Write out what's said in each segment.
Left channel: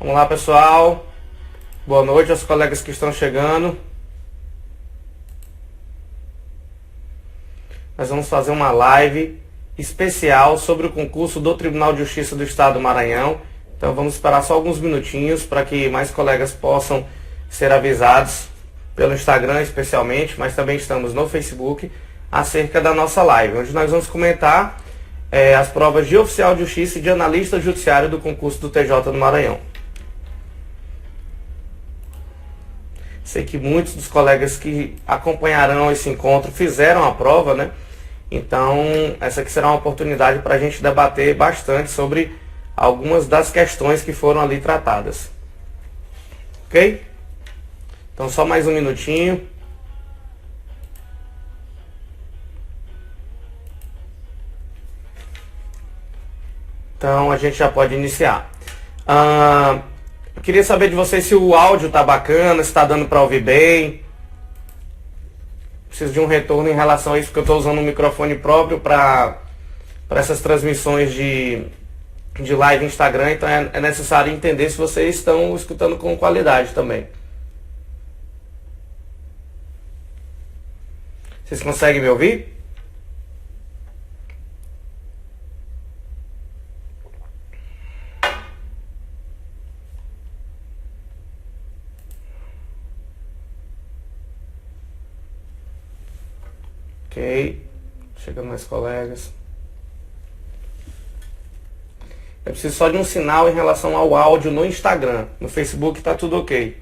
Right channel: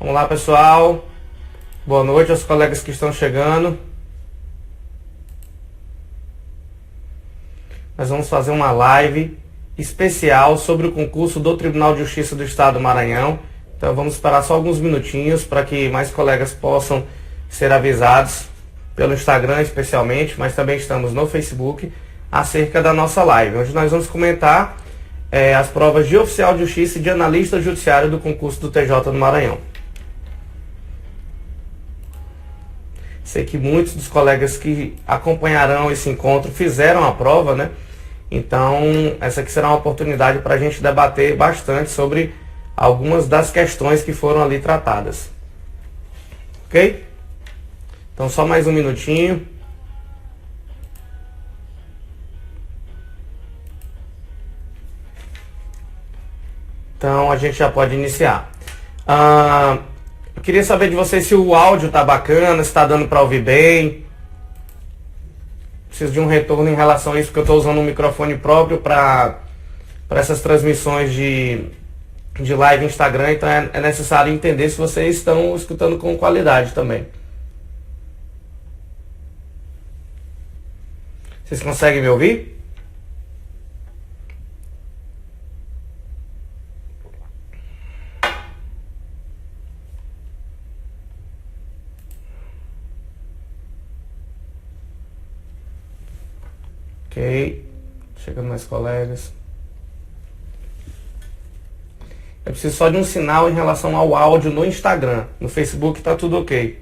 Vamos lá, pessoal. Boa noite aos colegas que estão chegando. Nós vamos fazer uma live especial sobre o concurso do Tribunal de Justiça do Estado do Maranhão. Então vamos esperar só alguns minutinhos para que mais colegas possam ser avisados pelo Instagram especialmente, mas também estamos no Facebook acerca da nossa live, onde nós vamos comentar as provas de oficial de justiça e de analista judiciário do concurso do TJ do Maranhão. Sei que muitos dos colegas que acompanharão esse encontro fizeram a prova, né? Então, essa aqui será uma oportunidade para a gente debater bastante sobre algumas das questões que foram ali tratadas. Ok? Então, só mais um minutinho. Então, a gente já pode iniciar. Eu queria saber de vocês se o áudio está bacana, se está dando para ouvir bem. Preciso de um retorno em relação a isso, porque eu estou usando um microfone próprio para essas transmissões de live Instagram, então é necessário entender se vocês estão escutando com qualidade também. Vocês conseguem me ouvir? Ok, chegando mais colegas. Eu preciso só de um sinal em relação ao áudio no Instagram. No Facebook está tudo ok.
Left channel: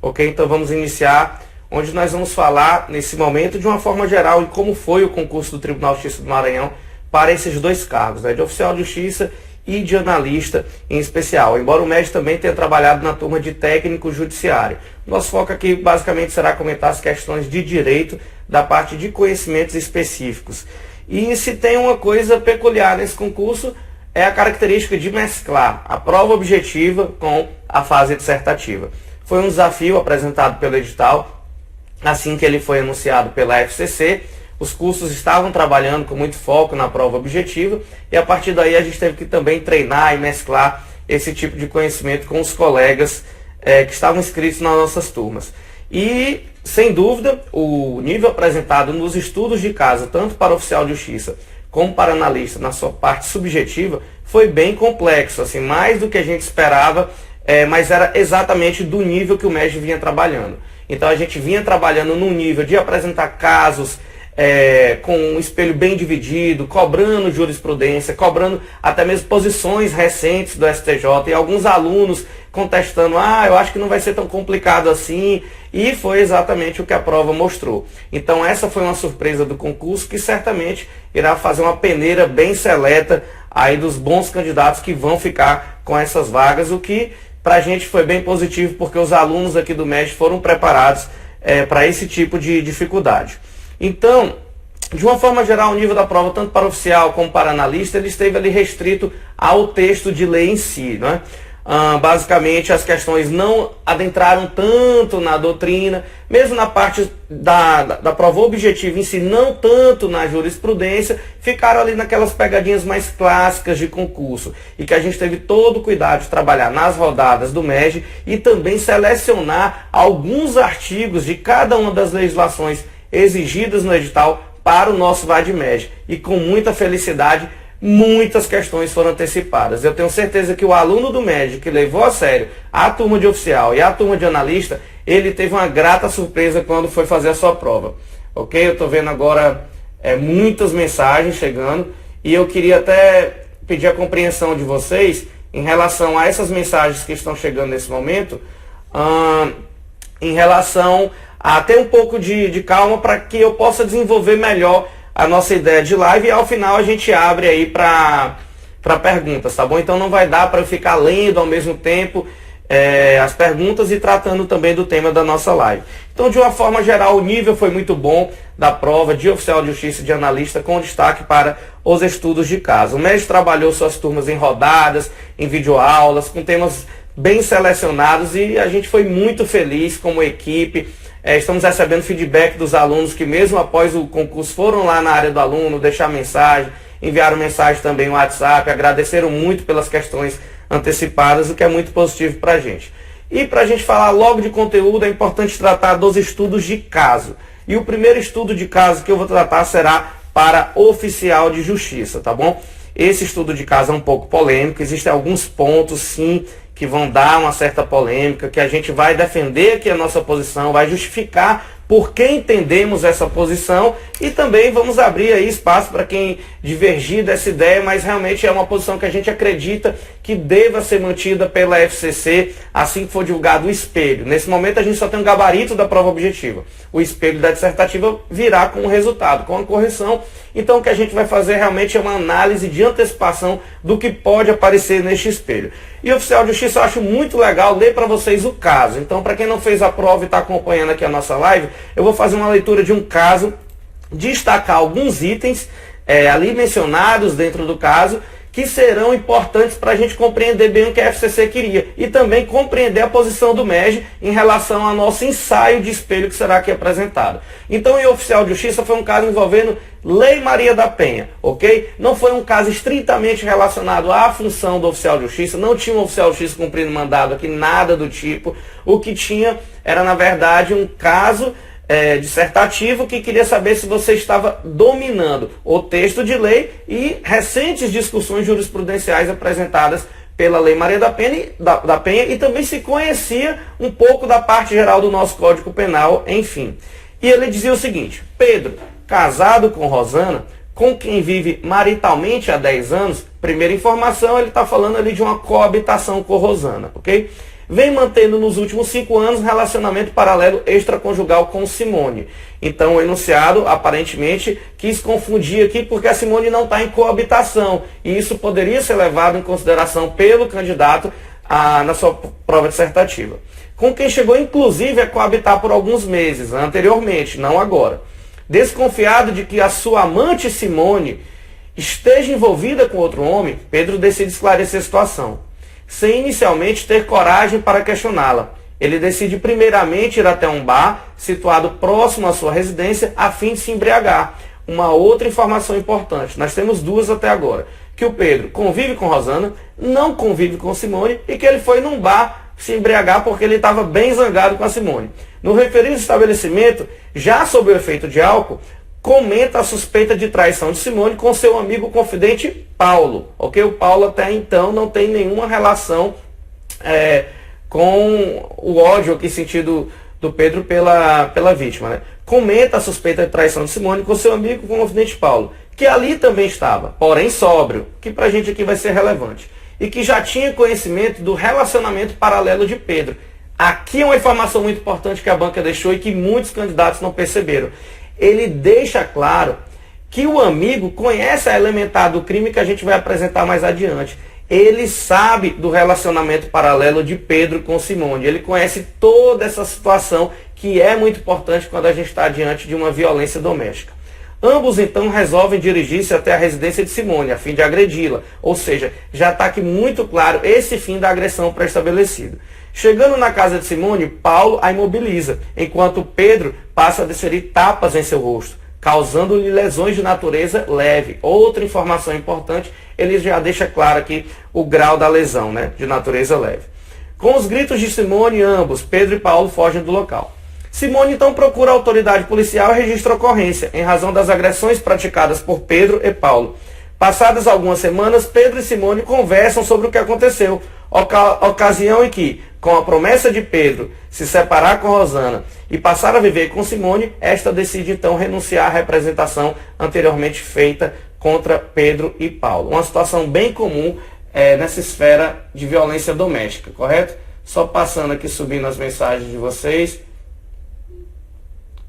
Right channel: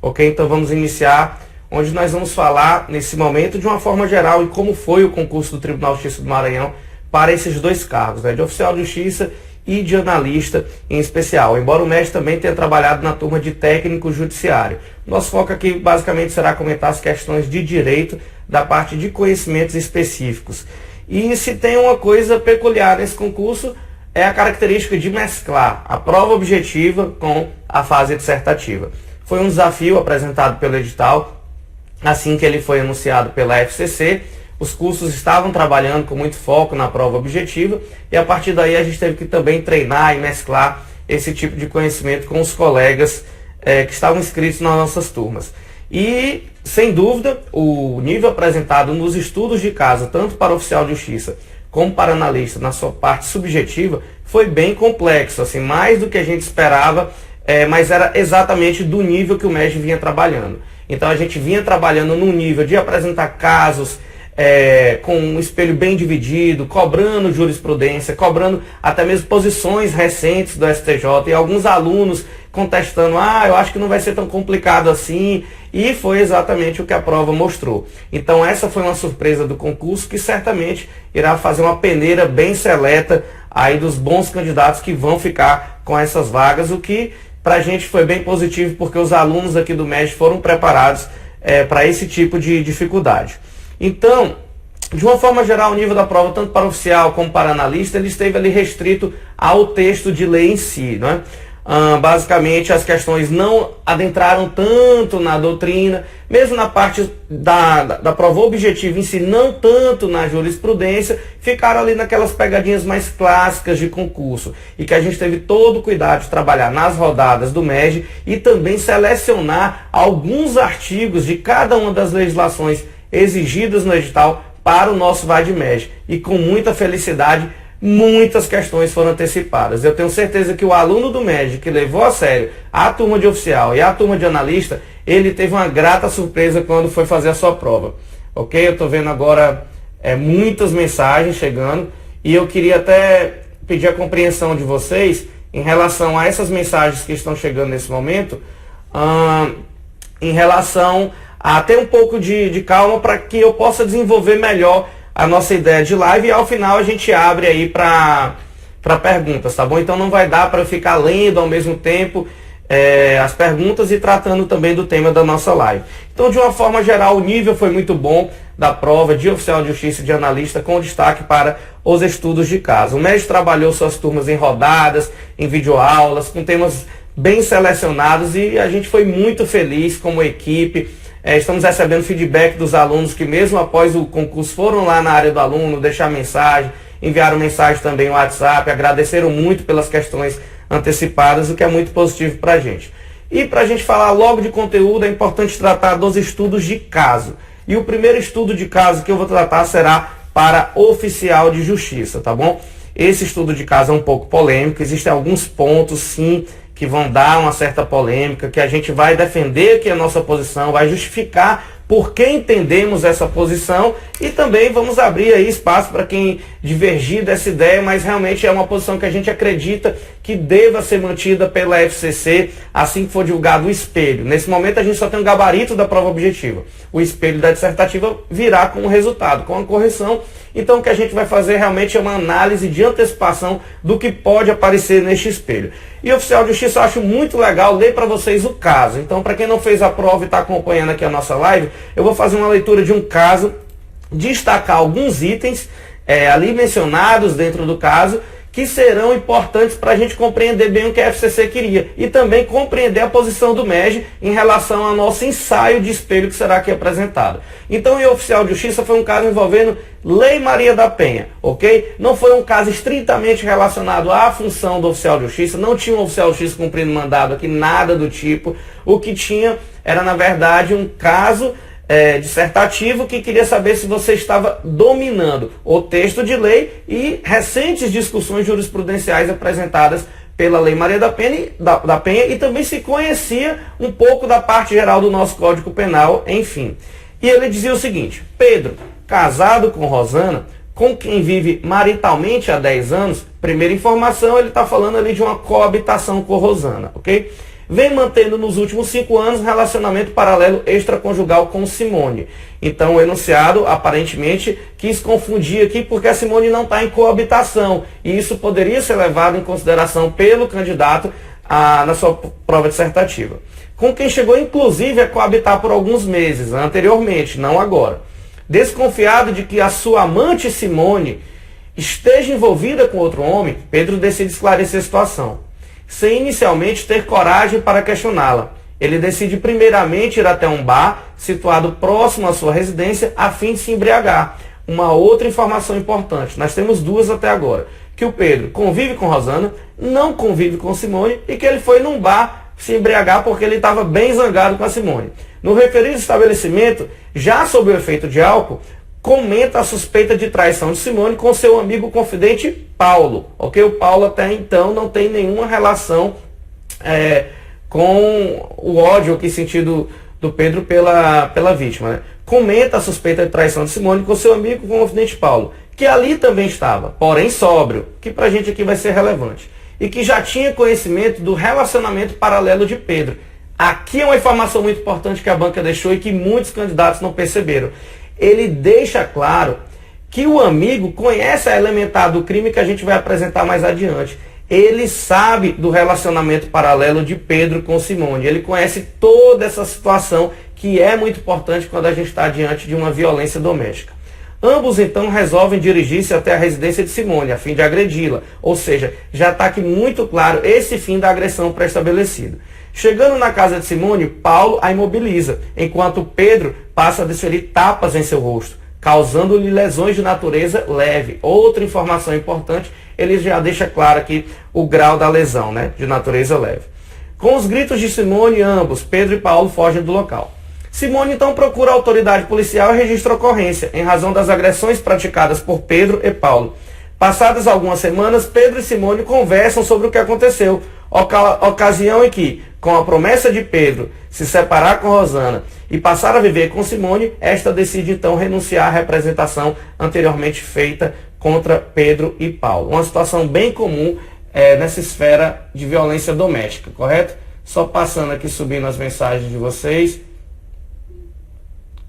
Ok, então vamos iniciar, onde nós vamos falar nesse momento de uma forma geral em como foi o concurso do Tribunal de Justiça do Maranhão para esses dois cargos, né, de oficial de justiça e de analista em especial, embora o mestre também tenha trabalhado na turma de técnico judiciário. Nosso foco aqui basicamente será comentar as questões de direito da parte de conhecimentos específicos. E se tem uma coisa peculiar nesse concurso, é a característica de mesclar a prova objetiva com a fase dissertativa. Foi um desafio apresentado pelo edital, assim que ele foi anunciado pela FCC. Os cursos estavam trabalhando com muito foco na prova objetiva e a partir daí a gente teve que também treinar e mesclar esse tipo de conhecimento com os colegas que estavam inscritos nas nossas turmas. E, sem dúvida, o nível apresentado nos estudos de caso, tanto para oficial de justiça como para analista, na sua parte subjetiva, foi bem complexo, assim, mais do que a gente esperava, mas era exatamente do nível que o MEG vinha trabalhando. Então a gente vinha trabalhando num nível de apresentar casos com um espelho bem dividido, cobrando jurisprudência, cobrando até mesmo posições recentes do STJ e alguns alunos contestando, eu acho que não vai ser tão complicado assim, e foi exatamente o que a prova mostrou. Então essa foi uma surpresa do concurso que certamente irá fazer uma peneira bem seleta aí dos bons candidatos que vão ficar com essas vagas, o que para a gente foi bem positivo, porque os alunos aqui do MEG foram preparados para esse tipo de dificuldade. Então, de uma forma geral, o nível da prova, tanto para oficial como para analista, ele esteve ali restrito ao texto de lei em si, né? Basicamente, as questões não adentraram tanto na doutrina, mesmo na parte da prova objetiva em si, não tanto na jurisprudência, ficaram ali naquelas pegadinhas mais clássicas de concurso, e que a gente teve todo o cuidado de trabalhar nas rodadas do MEG e também selecionar alguns artigos de cada uma das legislações exigidas no edital para o nosso VAD-MEG. E com muita felicidade, muitas questões foram antecipadas. Eu tenho certeza que o aluno do MEG que levou a sério a turma de oficial e a turma de analista, ele teve uma grata surpresa quando foi fazer a sua prova. Ok? Eu estou vendo agora muitas mensagens chegando e eu queria até pedir a compreensão de vocês em relação a essas mensagens que estão chegando nesse momento, em relação a ter um pouco de calma para que eu possa desenvolver melhor a nossa ideia de live e ao final a gente abre aí para perguntas, tá bom? Então não vai dar para eu ficar lendo ao mesmo tempo as perguntas e tratando também do tema da nossa live. Então, de uma forma geral, o nível foi muito bom da prova de oficial de justiça e de analista, com destaque para os estudos de caso. O MEG trabalhou suas turmas em rodadas, em videoaulas, com temas bem selecionados e a gente foi muito feliz como equipe. Estamos recebendo feedback dos alunos que mesmo após o concurso foram lá na área do aluno deixar mensagem enviaram mensagem também no WhatsApp, agradeceram muito pelas questões antecipadas, o que é muito positivo para a gente. E para a gente falar logo de conteúdo, é importante tratar dos estudos de caso. E o primeiro estudo de caso que eu vou tratar será para oficial de justiça, tá bom? Esse estudo de caso é um pouco polêmico, existem alguns pontos, sim, que vão dar uma certa polêmica, que a gente vai defender aqui a nossa posição, vai justificar por que entendemos essa posição e também vamos abrir aí espaço para quem divergir dessa ideia, mas realmente é uma posição que a gente acredita que deva ser mantida pela FCC assim que for divulgado o espelho. Nesse momento a gente só tem um gabarito da prova objetiva. O espelho da dissertativa virá com o resultado, com a correção. Então o que a gente vai fazer realmente é uma análise de antecipação do que pode aparecer neste espelho. E oficial de justiça, eu acho muito legal ler para vocês o caso. Então, para quem não fez a prova e está acompanhando aqui a nossa live, eu vou fazer uma leitura de um caso, destacar alguns itens ali mencionados dentro do caso, que serão importantes para a gente compreender bem o que a FCC queria e também compreender a posição do MEG em relação ao nosso ensaio de espelho que será aqui apresentado. Então, o oficial de justiça foi um caso envolvendo Lei Maria da Penha, ok? Não foi um caso estritamente relacionado à função do oficial de justiça, não tinha um oficial de justiça cumprindo mandado aqui, nada do tipo. O que tinha era, na verdade, um caso dissertativo que queria saber se você estava dominando o texto de lei e recentes discussões jurisprudenciais apresentadas pela Lei Maria da Penha e também se conhecia um pouco da parte geral do nosso Código Penal, enfim. E ele dizia o seguinte: Pedro, casado com Rosana, com quem vive maritalmente há 10 anos, primeira informação, ele está falando ali de uma coabitação com Rosana, ok? Vem mantendo nos últimos 5 anos relacionamento paralelo extraconjugal com Simone. Então o enunciado aparentemente quis confundir aqui porque a Simone não está em coabitação. E isso poderia ser levado em consideração pelo candidato na sua prova dissertativa. Com quem chegou inclusive a coabitar por alguns meses, anteriormente, não agora. Desconfiado de que a sua amante Simone esteja envolvida com outro homem, Pedro decide esclarecer a situação, sem inicialmente ter coragem para questioná-la. Ele decide primeiramente ir até um bar situado próximo à sua residência a fim de se embriagar. Uma outra informação importante, nós temos duas até agora, que o Pedro convive com Rosana, não convive com Simone e que ele foi num bar se embriagar porque ele estava bem zangado com a Simone. No referido estabelecimento, já sob o efeito de álcool, comenta a suspeita de traição de Simone com seu amigo confidente Paulo. Ok? O Paulo até então não tem nenhuma relação com o ódio aqui sentido do Pedro pela vítima. Né? Comenta a suspeita de traição de Simone com seu amigo confidente Paulo, que ali também estava, porém sóbrio, que pra gente aqui vai ser relevante, e que já tinha conhecimento do relacionamento paralelo de Pedro. Aqui é uma informação muito importante que a banca deixou e que muitos candidatos não perceberam. Ele deixa claro que o amigo conhece a elementar do crime que a gente vai apresentar mais adiante. Ele sabe do relacionamento paralelo de Pedro com Simone. Ele conhece toda essa situação que é muito importante quando a gente está diante de uma violência doméstica. Ambos então resolvem dirigir-se até a residência de Simone a fim de agredi-la. Ou seja, já está aqui muito claro esse fim da agressão pré-estabelecido. Chegando na casa de Simone, Paulo a imobiliza, enquanto Pedro passa a desferir tapas em seu rosto, causando-lhe lesões de natureza leve. Outra informação importante, ele já deixa claro aqui o grau da lesão, né, de natureza leve. Com os gritos de Simone, ambos, Pedro e Paulo, fogem do local. Simone então procura a autoridade policial e registra a ocorrência, em razão das agressões praticadas por Pedro e Paulo. Passadas algumas semanas, Pedro e Simone conversam sobre o que aconteceu, ocasião em que, com a promessa de Pedro se separar com Rosana e passar a viver com Simone, esta decide então renunciar à representação anteriormente feita contra Pedro e Paulo. Uma situação bem comum nessa esfera de violência doméstica, correto? Só passando aqui, subindo as mensagens de vocês.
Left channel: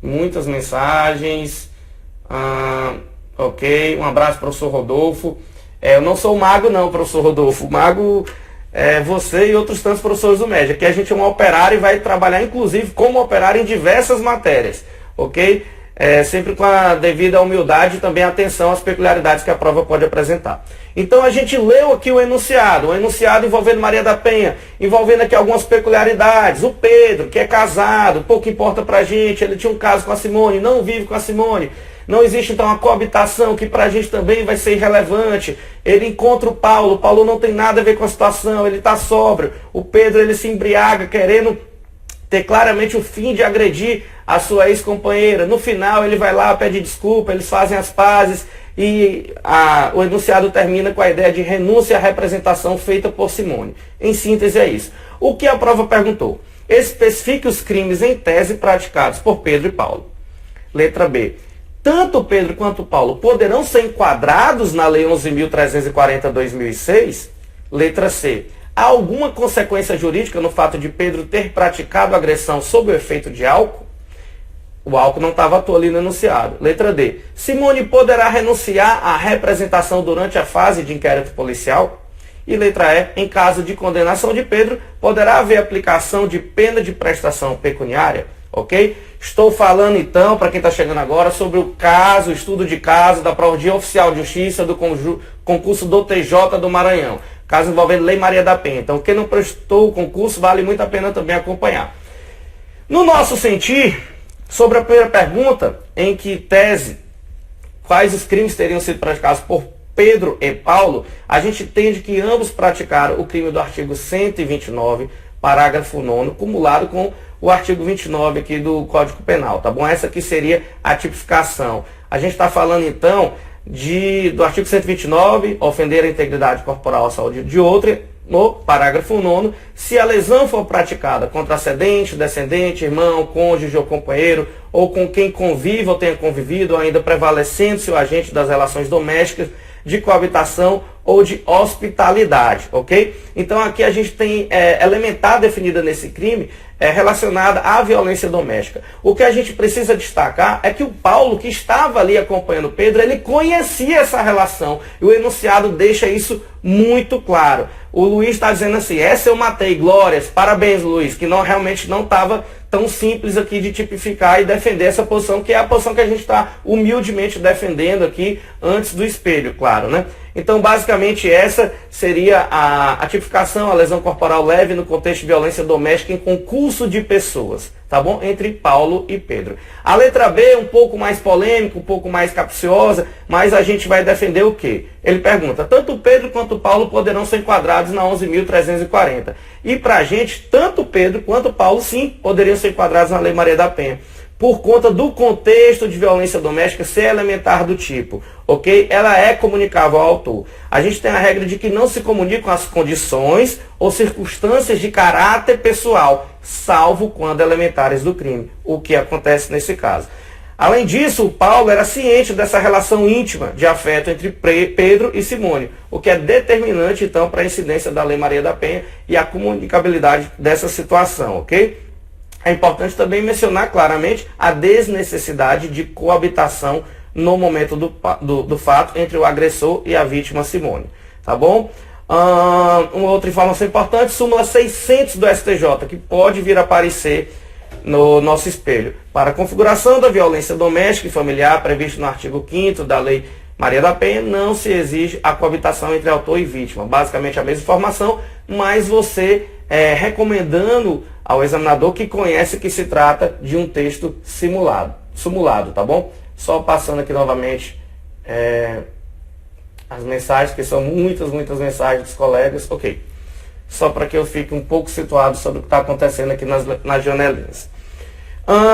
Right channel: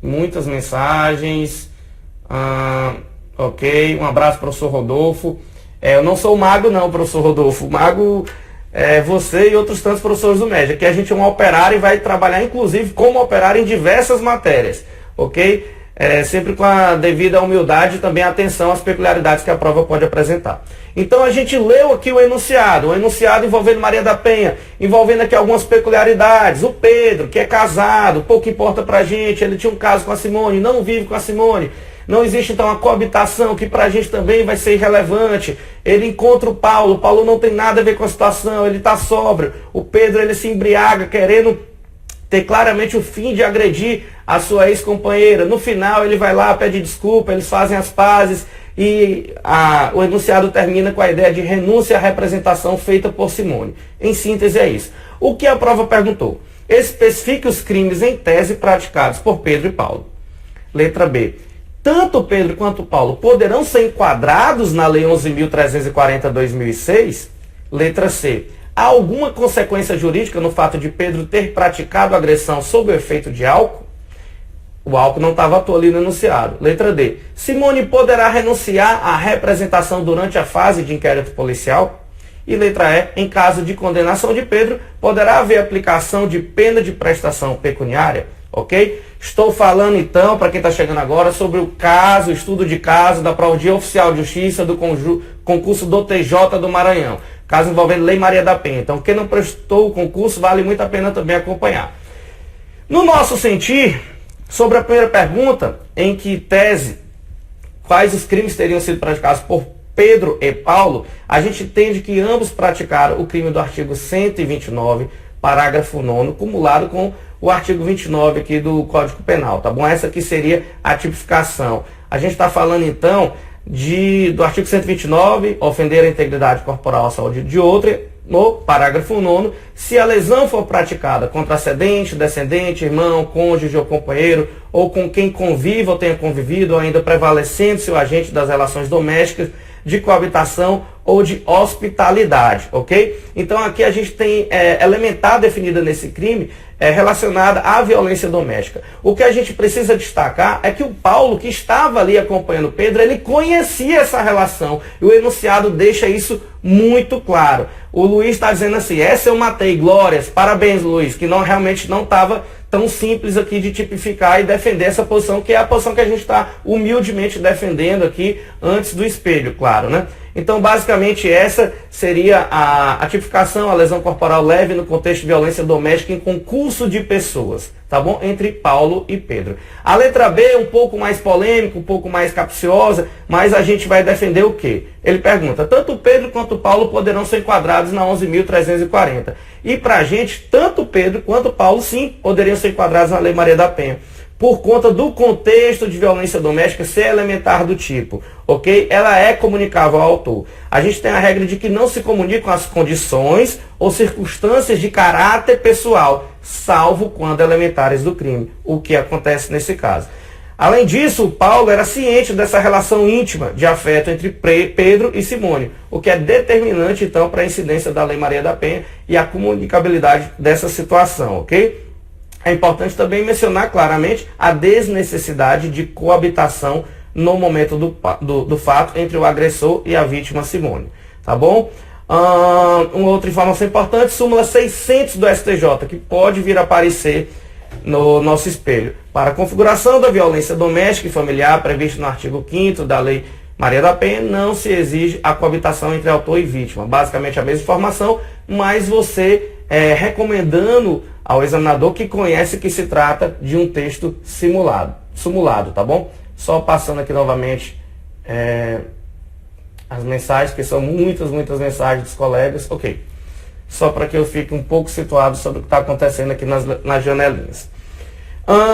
Muitas mensagens. Ok, um abraço, professor Rodolfo. Eu não sou o mago não, professor Rodolfo. O mago é você e outros tantos professores do MEG. Aqui a gente é um operário e vai trabalhar, inclusive, como operário em diversas matérias. Ok? Sempre com a devida humildade e também atenção às peculiaridades que a prova pode apresentar. Então a gente leu aqui o enunciado envolvendo Maria da Penha, envolvendo aqui algumas peculiaridades. O Pedro, que é casado, pouco importa pra gente, ele tinha um caso com a Simone, não vive com a Simone. Não existe então a coabitação, que para a gente também vai ser irrelevante. Ele encontra o Paulo não tem nada a ver com a situação, ele está sóbrio. O Pedro ele se embriaga querendo ter claramente o fim de agredir a sua ex-companheira. No final ele vai lá, pede desculpa, eles fazem as pazes e o enunciado termina com a ideia de renúncia à representação feita por Simone. Em síntese é isso. O que a prova perguntou? Especifique os crimes em tese praticados por Pedro e Paulo. Letra B. Tanto Pedro quanto Paulo poderão ser enquadrados na Lei 11.340/2006? Letra C. Há alguma consequência jurídica no fato de Pedro ter praticado agressão sob o efeito de álcool? O álcool não estava à toa ali no enunciado. Letra D. Simone poderá renunciar à representação durante a fase de inquérito policial? E letra E. Em caso de condenação de Pedro, poderá haver aplicação de pena de prestação pecuniária? Ok? Estou falando então, para quem está chegando agora, sobre o caso, estudo de caso da prova de oficial de justiça do concurso do TJ do Maranhão. Caso envolvendo Lei Maria da Penha. Então, quem não prestou o concurso, vale muito a pena também acompanhar. No nosso sentir, sobre a primeira pergunta, em que tese, quais os crimes teriam sido praticados por Pedro e Paulo, a gente entende que ambos praticaram o crime do artigo 129, parágrafo 9º, cumulado com o artigo 29 aqui do Código Penal, tá bom? Essa aqui seria a tipificação. A gente está falando então do artigo 129, ofender a integridade corporal à saúde de outra, no parágrafo 9º, se a lesão for praticada contra ascendente, descendente, irmão, cônjuge ou companheiro, ou com quem conviva ou tenha convivido, ou ainda prevalecendo-se o agente das relações domésticas, de coabitação ou de hospitalidade, ok? Então aqui a gente tem elementar definida nesse crime relacionada à violência doméstica. O que a gente precisa destacar é que o Paulo, que estava ali acompanhando Pedro, ele conhecia essa relação e o enunciado deixa isso muito claro. O Luiz está dizendo assim, essa eu matei, glórias, parabéns Luiz, que realmente não estava tão simples aqui de tipificar e defender essa posição, que é a posição que a gente está humildemente defendendo aqui antes do espelho, claro, né? Então, basicamente, essa seria a tipificação, a lesão corporal leve no contexto de violência doméstica em concurso de pessoas, tá bom? Entre Paulo e Pedro. A letra B é um pouco mais polêmica, um pouco mais capciosa, mas a gente vai defender o quê? Ele pergunta, tanto Pedro quanto Paulo poderão ser enquadrados na 11.340. E para a gente, tanto Pedro quanto Paulo, sim, poderiam ser enquadrados na Lei Maria da Penha, por conta do contexto de violência doméstica ser elementar do tipo, ok? Ela é comunicável ao autor. A gente tem a regra de que não se comunicam as condições ou circunstâncias de caráter pessoal, salvo quando elementares do crime, o que acontece nesse caso. Além disso, o Paulo era ciente dessa relação íntima de afeto entre Pedro e Simone, o que é determinante, então, para a incidência da Lei Maria da Penha e a comunicabilidade dessa situação, ok? É importante também mencionar claramente a desnecessidade de coabitação no momento do fato entre o agressor e a vítima Simone, tá bom? Uma outra informação importante, súmula 600 do STJ, que pode vir a aparecer no nosso espelho. Para a configuração da violência doméstica e familiar previsto no artigo 5º da Lei Maria da Penha, não se exige a coabitação entre autor e vítima. Basicamente a mesma informação, mas você recomendando ao examinador que conhece que se trata de um texto simulado, tá bom? Só passando aqui novamente as mensagens, que são muitas mensagens dos colegas, ok. Só para que eu fique um pouco situado sobre o que está acontecendo aqui nas janelinhas.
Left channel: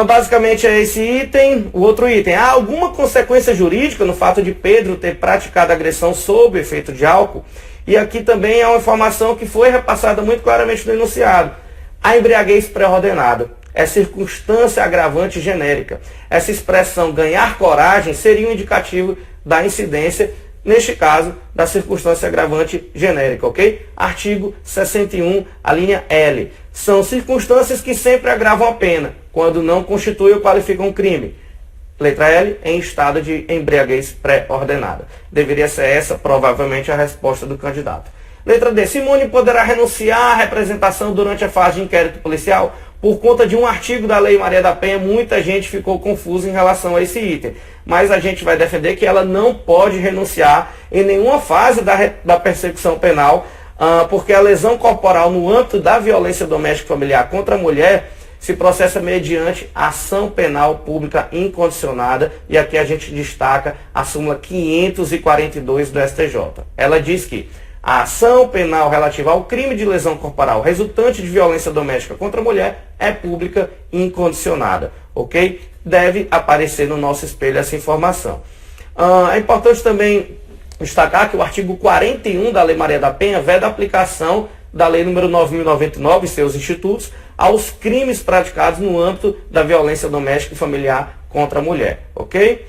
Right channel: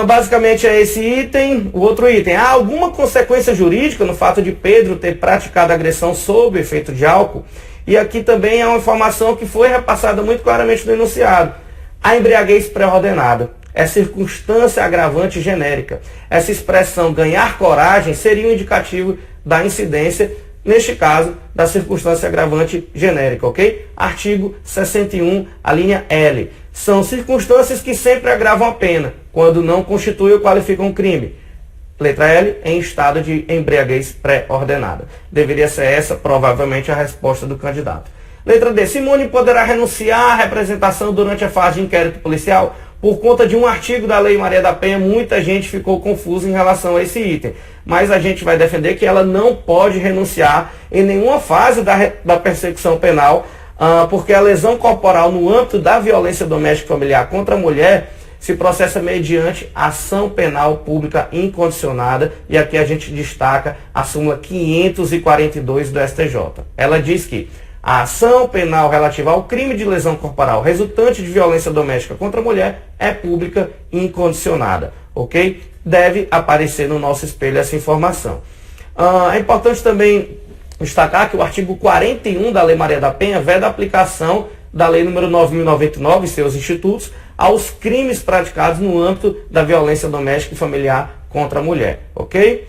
Basicamente é esse item. O outro item, há alguma consequência jurídica no fato de Pedro ter praticado agressão sob efeito de álcool? E aqui também é uma informação que foi repassada muito claramente no enunciado. A embriaguez pré-ordenada é circunstância agravante genérica. Essa expressão ganhar coragem seria um indicativo da incidência, neste caso, da circunstância agravante genérica, ok? Artigo 61, a linha L. São circunstâncias que sempre agravam a pena, quando não constituem ou qualificam um crime. Letra L, em estado de embriaguez pré-ordenada. Deveria ser essa, provavelmente, a resposta do candidato. Letra D. Simone poderá renunciar à representação durante a fase de inquérito policial? Por conta de um artigo da Lei Maria da Penha, muita gente ficou confusa em relação a esse item. Mas a gente vai defender que ela não pode renunciar em nenhuma fase da persecução penal, porque a lesão corporal no âmbito da violência doméstica familiar contra a mulher, se processa mediante ação penal pública incondicionada, e aqui a gente destaca a súmula 542 do STJ. Ela diz que a ação penal relativa ao crime de lesão corporal resultante de violência doméstica contra a mulher é pública e incondicionada, ok? Deve aparecer no nosso espelho essa informação. É importante também destacar que o artigo 41 da Lei Maria da Penha veda a aplicação da Lei número 9.099 e seus institutos aos crimes praticados no âmbito da violência doméstica e familiar contra a mulher, ok?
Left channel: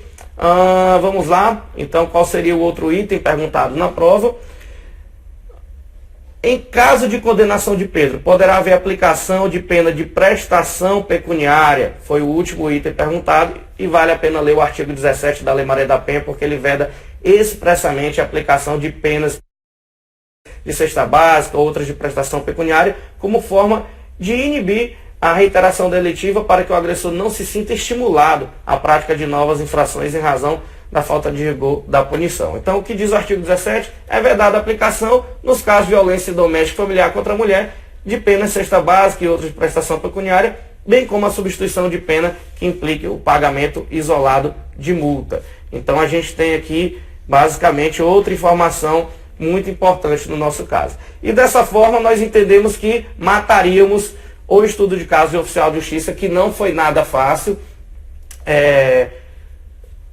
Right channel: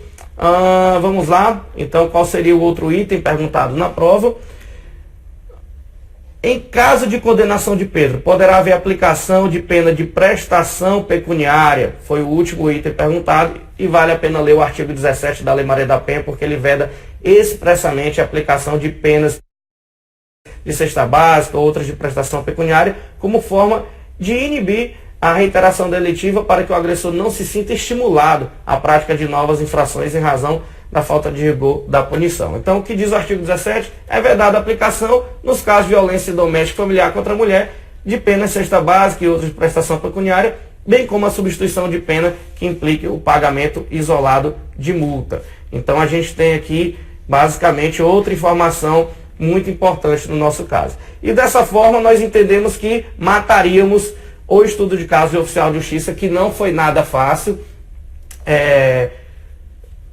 Vamos lá, então qual seria o outro item perguntado na prova? Em caso de condenação de Pedro, poderá haver aplicação de pena de prestação pecuniária? Foi o último item perguntado e vale a pena ler o artigo 17 da Lei Maria da Penha, porque ele veda expressamente a aplicação de penas de cesta básica, outras de prestação pecuniária, como forma de inibir a reiteração delitiva para que o agressor não se sinta estimulado à prática de novas infrações em razão da falta de rigor da punição. Então, o que diz o artigo 17 é vedada a aplicação, nos casos de violência doméstica e familiar contra a mulher, de pena de cesta básica e outras de prestação pecuniária, bem como a substituição de pena que implique o pagamento isolado de multa. Então, a gente tem aqui, basicamente, outra informação muito importante no nosso caso. E dessa forma, nós entendemos que mataríamos o estudo de caso de oficial de justiça, que não foi nada fácil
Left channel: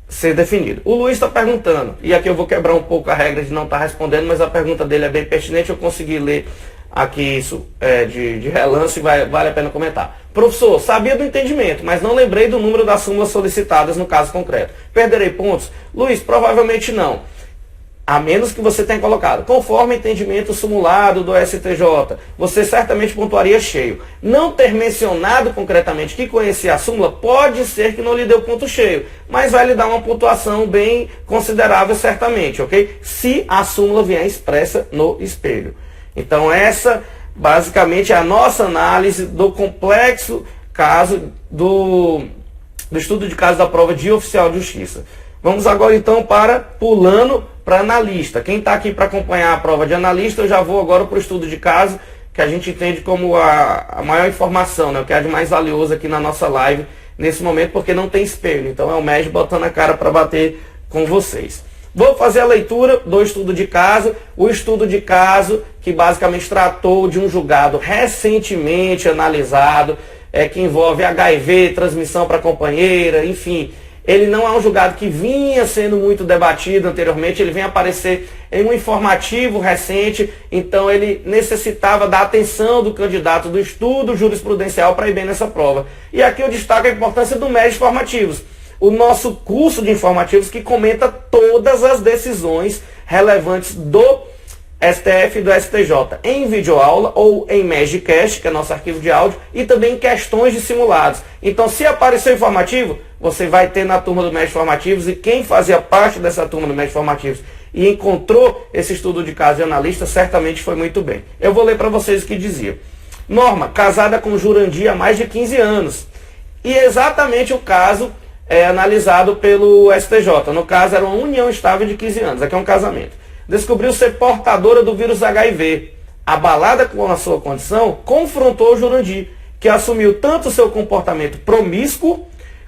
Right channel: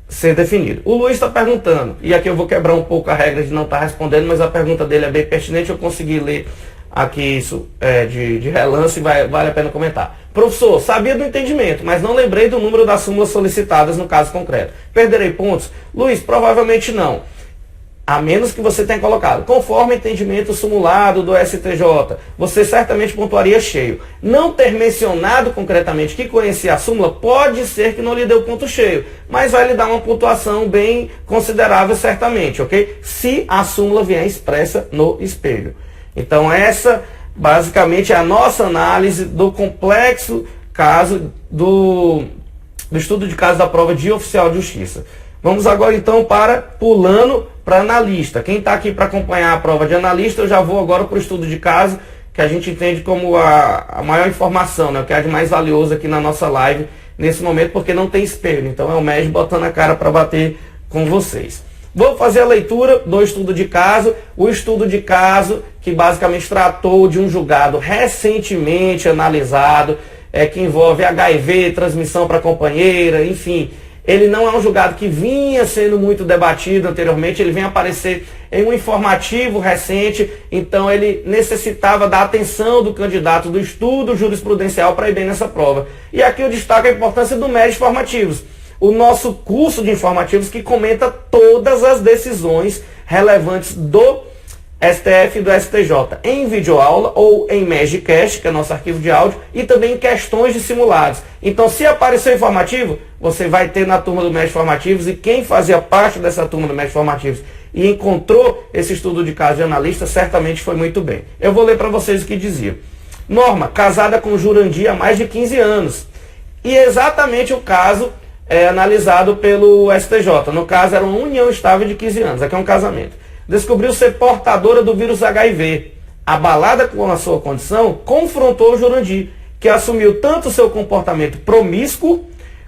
ser definido. O Luiz está perguntando, e aqui eu vou quebrar um pouco a regra de não estar respondendo, mas a pergunta dele é bem pertinente, eu consegui ler aqui isso de relance e vale a pena comentar. Professor, sabia do entendimento, mas não lembrei do número das súmulas solicitadas no caso concreto. Perderei pontos? Luiz, provavelmente não. A menos que você tenha colocado, conforme entendimento simulado do STJ, você certamente pontuaria cheio. Não ter mencionado concretamente que conhecia a súmula, pode ser que não lhe deu ponto cheio, mas vai lhe dar uma pontuação bem considerável certamente, ok? Se a súmula vier expressa no espelho. Então essa, basicamente, é a nossa análise do complexo caso do estudo de caso da prova de oficial de justiça. Vamos agora então pulando para analista. Quem está aqui para acompanhar a prova de analista, eu já vou agora para o estudo de caso, que a gente entende como a maior informação, né? O que é de mais valioso aqui na nossa live nesse momento, porque não tem espelho. Então é o MES botando a cara para bater com vocês. Vou fazer a leitura do estudo de caso. O estudo de caso que basicamente tratou de um julgado recentemente analisado, que envolve HIV, transmissão para companheira, enfim. Ele não é um julgado que vinha sendo muito debatido anteriormente, ele vem aparecer em um informativo recente, então ele necessitava da atenção do candidato do estudo jurisprudencial para ir bem nessa prova. E aqui eu destaco a importância do MES Informativos, o nosso curso de informativos que comenta todas as decisões relevantes do STF e do STJ em videoaula ou em MEScast, que é nosso arquivo de áudio, e também em questões de simulados. Então, se aparecer informativo, você vai ter na turma do MES Informativos, e quem fazia parte dessa turma do MES Informativos e encontrou esse estudo de caso de analista, certamente foi muito bem. Eu vou ler para vocês o que dizia. Norma, casada com Jurandir há mais de 15 anos. E exatamente o caso analisado pelo STJ. No caso, era uma união estável de 15 anos. Aqui é um casamento. Descobriu ser portadora do vírus HIV. Abalada com a sua condição, confrontou o Jurandir, que assumiu tanto seu comportamento promíscuo,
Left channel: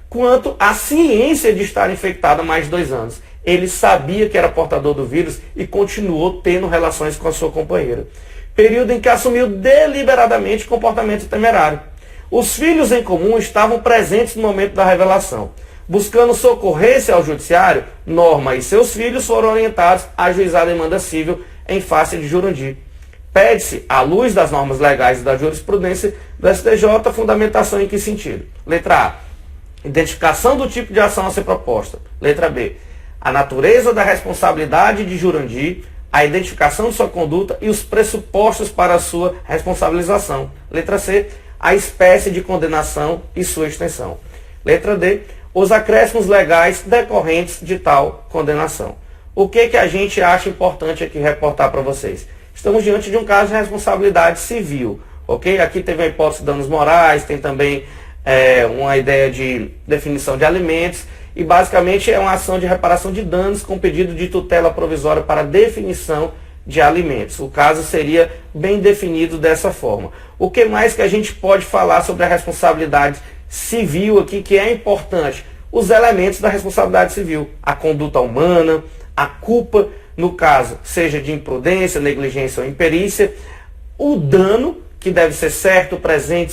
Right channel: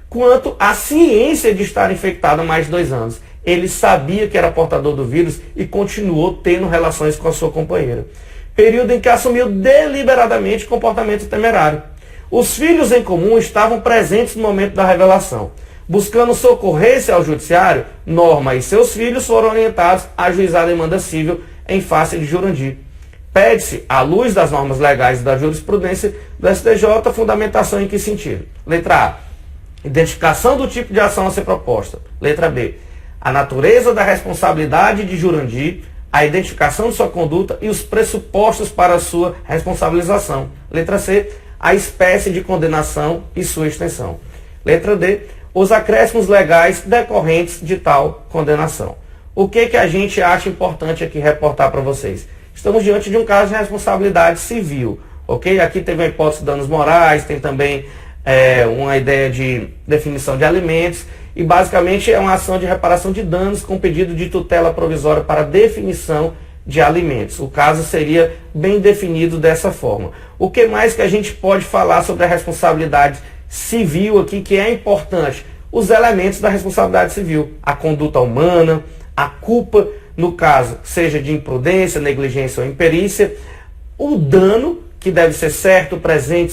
quanto a ciência de estar infectado há mais de 2 anos. Ele sabia que era portador do vírus e continuou tendo relações com a sua companheira. Período em que assumiu deliberadamente comportamento temerário. Os filhos em comum estavam presentes no momento da revelação. Buscando socorrer-se ao judiciário, Norma e seus filhos foram orientados a ajuizar a demanda civil em face de Jurandir. Pede-se, à luz das normas legais e da jurisprudência do STJ, fundamentação em que sentido? Letra A. Identificação do tipo de ação a ser proposta. Letra B. A natureza da responsabilidade de Jurandir, a identificação de sua conduta e os pressupostos para a sua responsabilização. Letra C. A espécie de condenação e sua extensão. Letra D. Os acréscimos legais decorrentes de tal condenação. O que a gente acha importante aqui reportar para vocês? Estamos diante de um caso de responsabilidade civil, ok? Aqui teve a hipótese de danos morais, tem também uma ideia de definição de alimentos e basicamente é uma ação de reparação de danos com pedido de tutela provisória para definição de alimentos. O caso seria bem definido dessa forma. O que mais que a gente pode falar sobre a responsabilidade civil aqui, que é importante? Os elementos da responsabilidade civil, a conduta humana, a culpa, no caso, seja de imprudência, negligência ou imperícia, o dano, que deve ser certo, presente,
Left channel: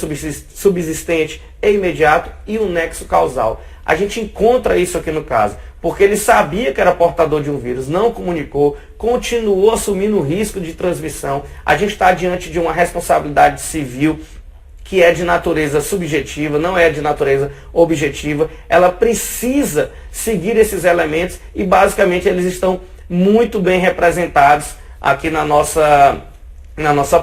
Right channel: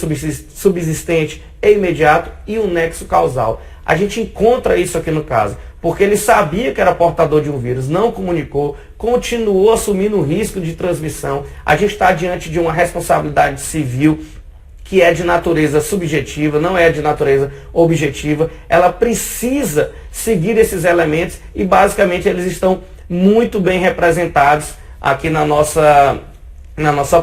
subsistente e imediato, e o nexo causal. A gente encontra isso aqui no caso, porque ele sabia que era portador de um vírus, não comunicou, continuou assumindo o risco de transmissão. A gente está diante de uma responsabilidade civil que é de natureza subjetiva, não é de natureza objetiva. Ela precisa seguir esses elementos e basicamente eles estão muito bem representados aqui na nossa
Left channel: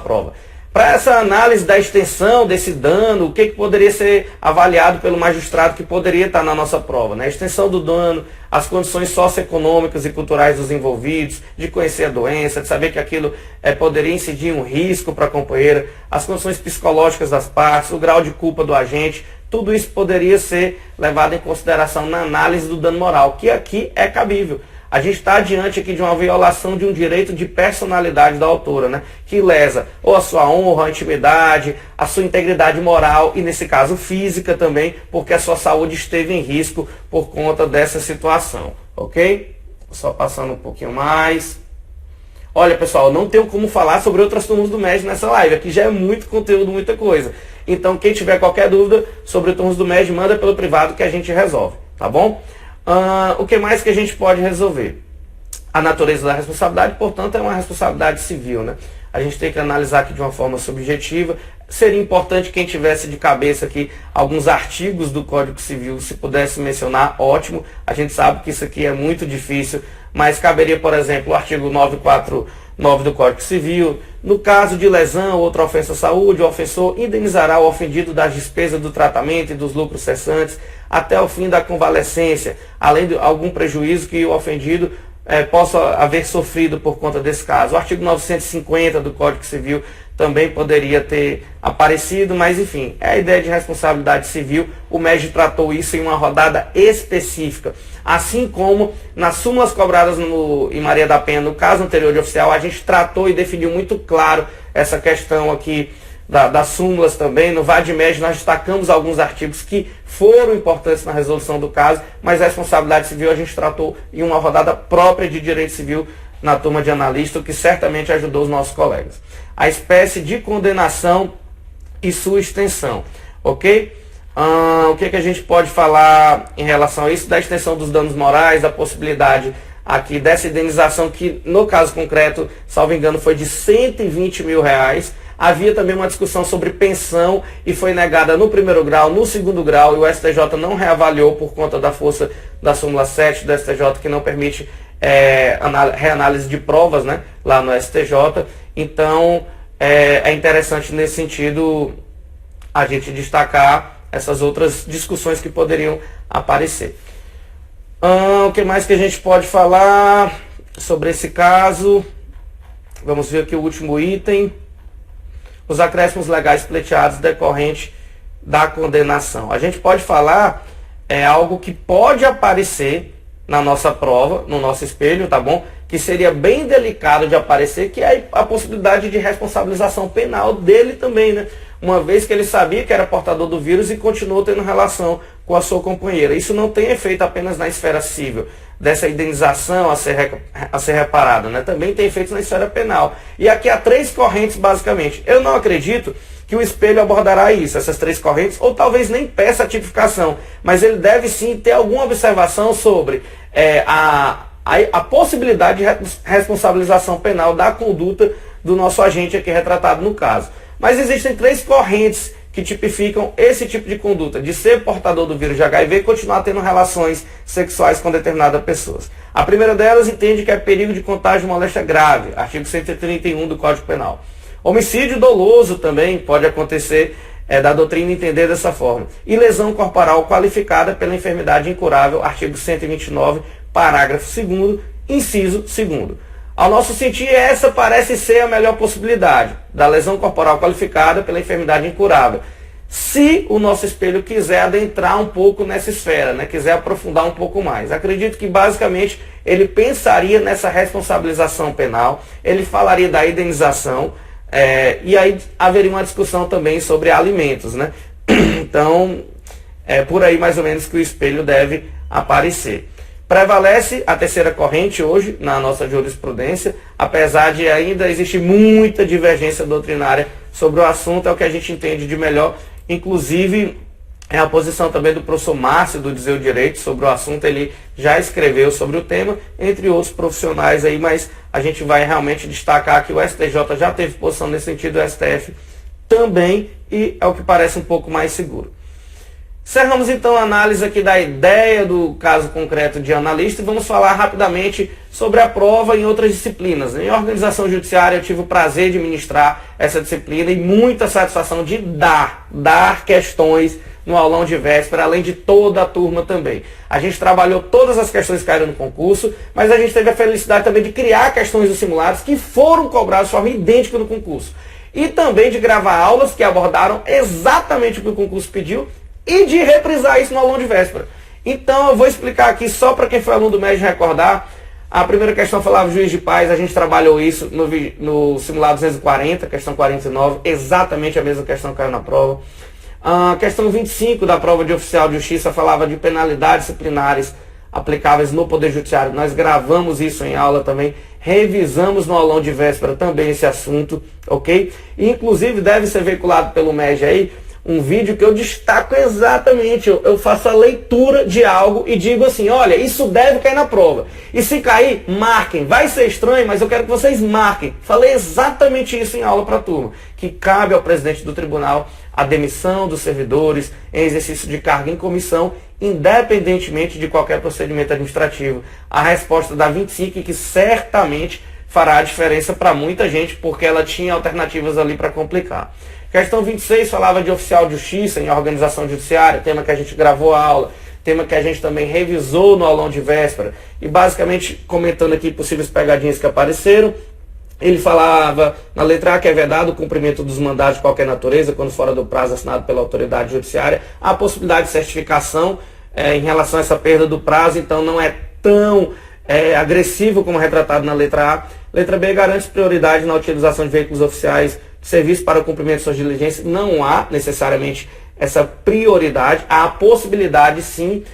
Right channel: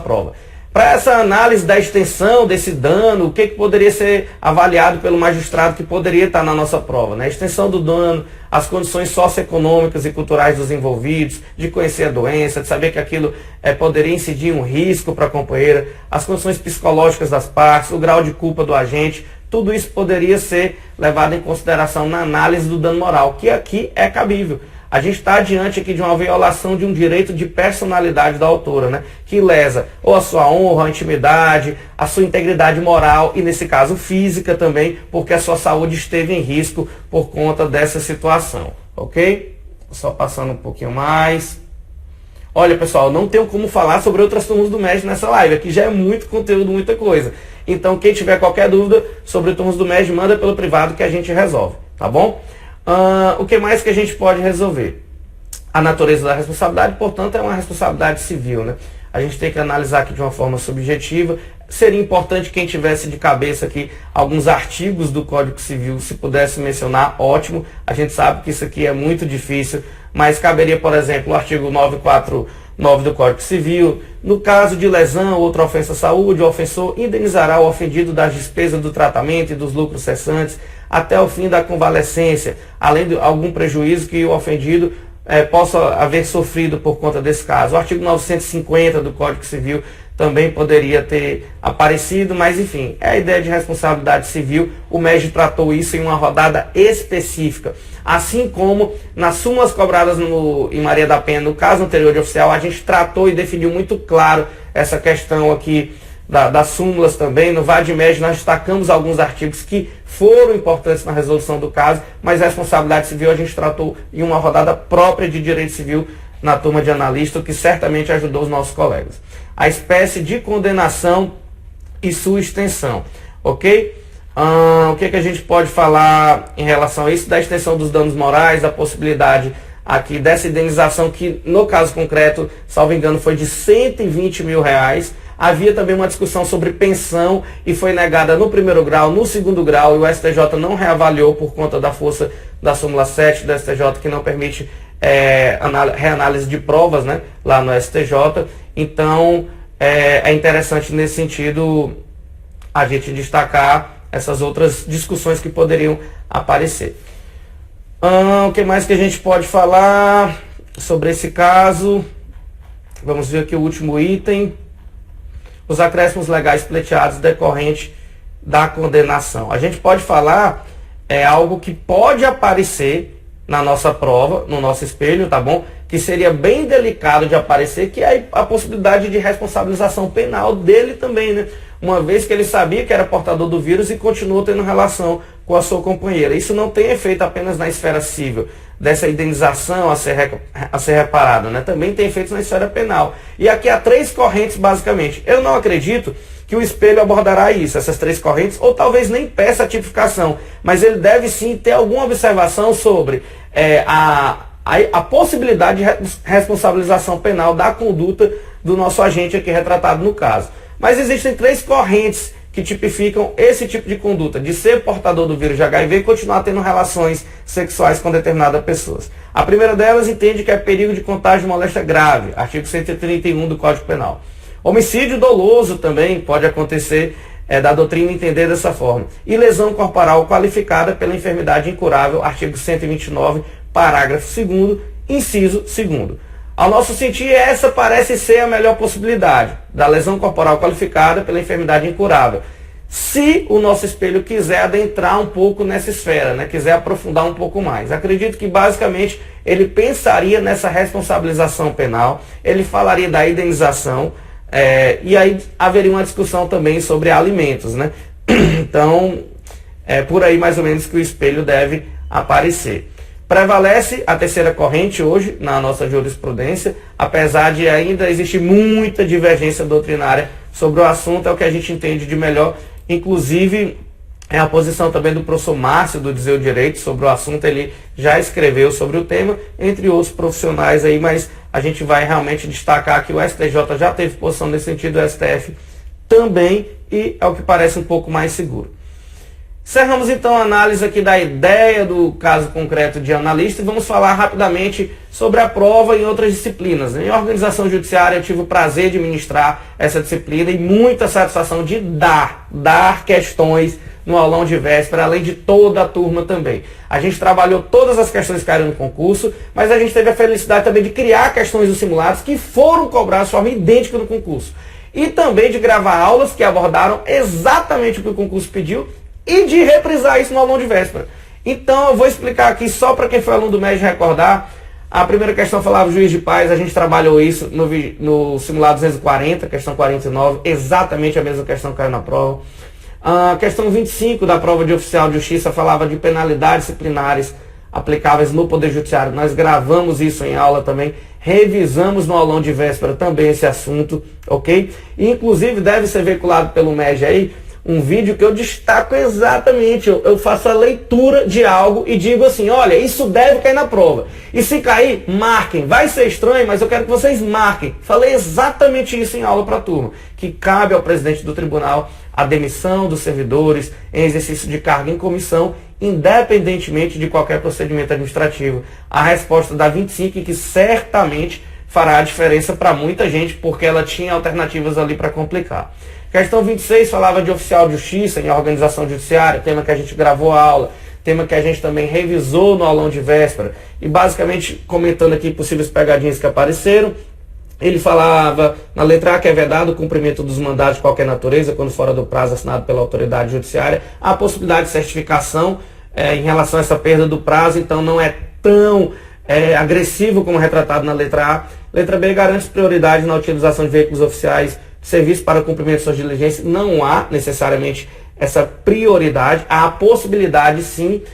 prova. Para essa análise da extensão desse dano, o que poderia ser avaliado pelo magistrado que poderia estar na nossa prova? Né? A extensão do dano, as condições socioeconômicas e culturais dos envolvidos, de conhecer a doença, de saber que aquilo poderia incidir um risco para a companheira, as condições psicológicas das partes, o grau de culpa do agente, tudo isso poderia ser levado em consideração na análise do dano moral, que aqui é cabível. A gente está diante aqui de uma violação de um direito de personalidade da autora, né? Que lesa ou a sua honra, a intimidade, a sua integridade moral e, nesse caso, física também, porque a sua saúde esteve em risco por conta dessa situação, ok? Só passando um pouquinho mais. Olha, pessoal, não tenho como falar sobre outras turmas do MED nessa live, aqui já é muito conteúdo, muita coisa. Então, quem tiver qualquer dúvida sobre turmas do MED, manda pelo privado que a gente resolve, tá bom? O que mais que a gente pode resolver? A natureza da responsabilidade, portanto, é uma responsabilidade civil, né? A gente tem que analisar aqui de uma forma subjetiva. Seria importante quem tivesse de cabeça aqui alguns artigos do Código Civil, se pudesse mencionar, ótimo. A gente sabe que isso aqui é muito difícil, mas caberia, por exemplo, o artigo 949 do Código Civil. No caso de lesão ou outra ofensa à saúde, o ofensor indenizará o ofendido das despesas do tratamento e dos lucros cessantes até o fim da convalescência, além de algum prejuízo que o ofendido possa haver sofrido por conta desse caso. O artigo 950 do Código Civil também poderia ter aparecido, mas enfim, é a ideia de responsabilidade civil. O MEG tratou isso em uma rodada específica. Assim como nas súmulas cobradas em Maria da Penha, no caso anterior de oficial, a gente tratou e definiu muito claro essa questão aqui das súmulas também. No VAD-MED nós destacamos alguns artigos que foram importantes na resolução do caso, mas a responsabilidade civil a gente tratou em uma rodada própria de direito civil na turma de analista, o que certamente ajudou os nossos colegas. A espécie de condenação e sua extensão, ok? O que a gente pode falar em relação a isso? Da extensão dos danos morais, da possibilidade aqui dessa indenização que, no caso concreto, salvo engano, foi de R$120 mil. Havia também uma discussão sobre pensão e foi negada no primeiro grau, no segundo grau, e o STJ não reavaliou por conta da força da súmula 7 do STJ, que não permite reanálise de provas, né, lá no STJ. Então, é interessante nesse sentido a gente destacar essas outras discussões que poderiam aparecer. O que mais que a gente pode falar sobre esse caso? Vamos ver aqui o último item. Os acréscimos legais pleiteados decorrente da condenação. A gente pode falar algo que pode aparecer na nossa prova, no nosso espelho, tá bom? Que seria bem delicado de aparecer, que é a possibilidade de responsabilização penal dele também, né? Uma vez que ele sabia que era portador do vírus e continuou tendo relação com a sua companheira. Isso não tem efeito apenas na esfera civil, dessa indenização a ser reparada, né? Também tem efeitos na esfera penal. E aqui há 3 correntes, basicamente. Eu não acredito que o espelho abordará isso, essas 3 correntes, ou talvez nem peça a tipificação, mas ele deve sim ter alguma observação sobre a possibilidade de responsabilização penal da conduta do nosso agente aqui retratado no caso. Mas existem 3 correntes que tipificam esse tipo de conduta, de ser portador do vírus de HIV e continuar tendo relações sexuais com determinadas pessoas. A primeira delas entende que é perigo de contágio de moléstia grave, artigo 131 do Código Penal. Homicídio doloso também pode acontecer, da doutrina entender dessa forma. E lesão corporal qualificada pela enfermidade incurável, artigo 129, parágrafo 2º, inciso 2º. Ao nosso sentir, essa parece ser a melhor possibilidade, da lesão corporal qualificada pela enfermidade incurável. se o nosso espelho quiser adentrar um pouco nessa esfera, né, quiser aprofundar um pouco mais. Acredito que basicamente ele pensaria nessa responsabilização penal, ele falaria da indenização, e aí haveria uma discussão também sobre alimentos, né? Então, é por aí mais ou menos que o espelho deve aparecer. Prevalece a terceira corrente hoje na nossa jurisprudência, apesar de ainda existir muita divergência doutrinária sobre o assunto, é o que a gente entende de melhor. Inclusive, é a posição também do professor Márcio do Dizer o Direito sobre o assunto, ele já escreveu sobre o tema, entre outros profissionais aí, mas a gente vai realmente destacar que o STJ já teve posição nesse sentido, o STF também, e é o que parece um pouco mais seguro. Encerramos então a análise aqui da ideia do caso concreto de analista e vamos falar rapidamente sobre a prova em outras disciplinas. Em organização judiciária eu tive o prazer de ministrar essa disciplina e muita satisfação de dar questões no aulão de véspera, além de toda a turma também. A gente trabalhou todas as questões que caíram no concurso, mas a gente teve a felicidade também de criar questões dos simulados que foram cobradas de forma idêntica no concurso. E também de gravar aulas que abordaram exatamente o que o concurso pediu e de reprisar isso no aulão de véspera. Então eu vou explicar aqui só para quem foi aluno do MED recordar. A primeira questão falava juiz de paz, a gente trabalhou isso no simulado 240, questão 49, exatamente a mesma questão que caiu na prova. A questão 25 da prova de oficial de justiça falava de penalidades disciplinares aplicáveis no Poder Judiciário. Nós gravamos isso em aula também, revisamos no aulão de véspera também esse assunto, ok? E, inclusive deve ser veiculado pelo MED aí, um vídeo que eu destaco exatamente, eu faço a leitura de algo e digo assim, olha, isso deve cair na prova. E se cair, marquem. Vai ser estranho, mas eu quero que vocês marquem. Falei exatamente isso em aula para a turma, que cabe ao presidente do tribunal a demissão dos servidores em exercício de cargo em comissão, independentemente de qualquer procedimento administrativo. A resposta da 25, que certamente fará a diferença para muita gente, porque ela tinha alternativas ali para complicar. Questão 26 falava de oficial de justiça em organização judiciária, tema que a gente gravou a aula, tema que a gente também revisou no aulão de véspera. E basicamente, comentando aqui possíveis pegadinhas que apareceram, ele falava na letra A que é vedado o cumprimento dos mandados de qualquer natureza, quando fora do prazo assinado pela autoridade judiciária. A possibilidade de certificação em relação a essa perda do prazo, então não é tão agressivo como retratado na letra A. Letra B garante prioridade na utilização de veículos oficiais de serviço para o cumprimento de suas diligências. Não há necessariamente essa prioridade, há a possibilidade sim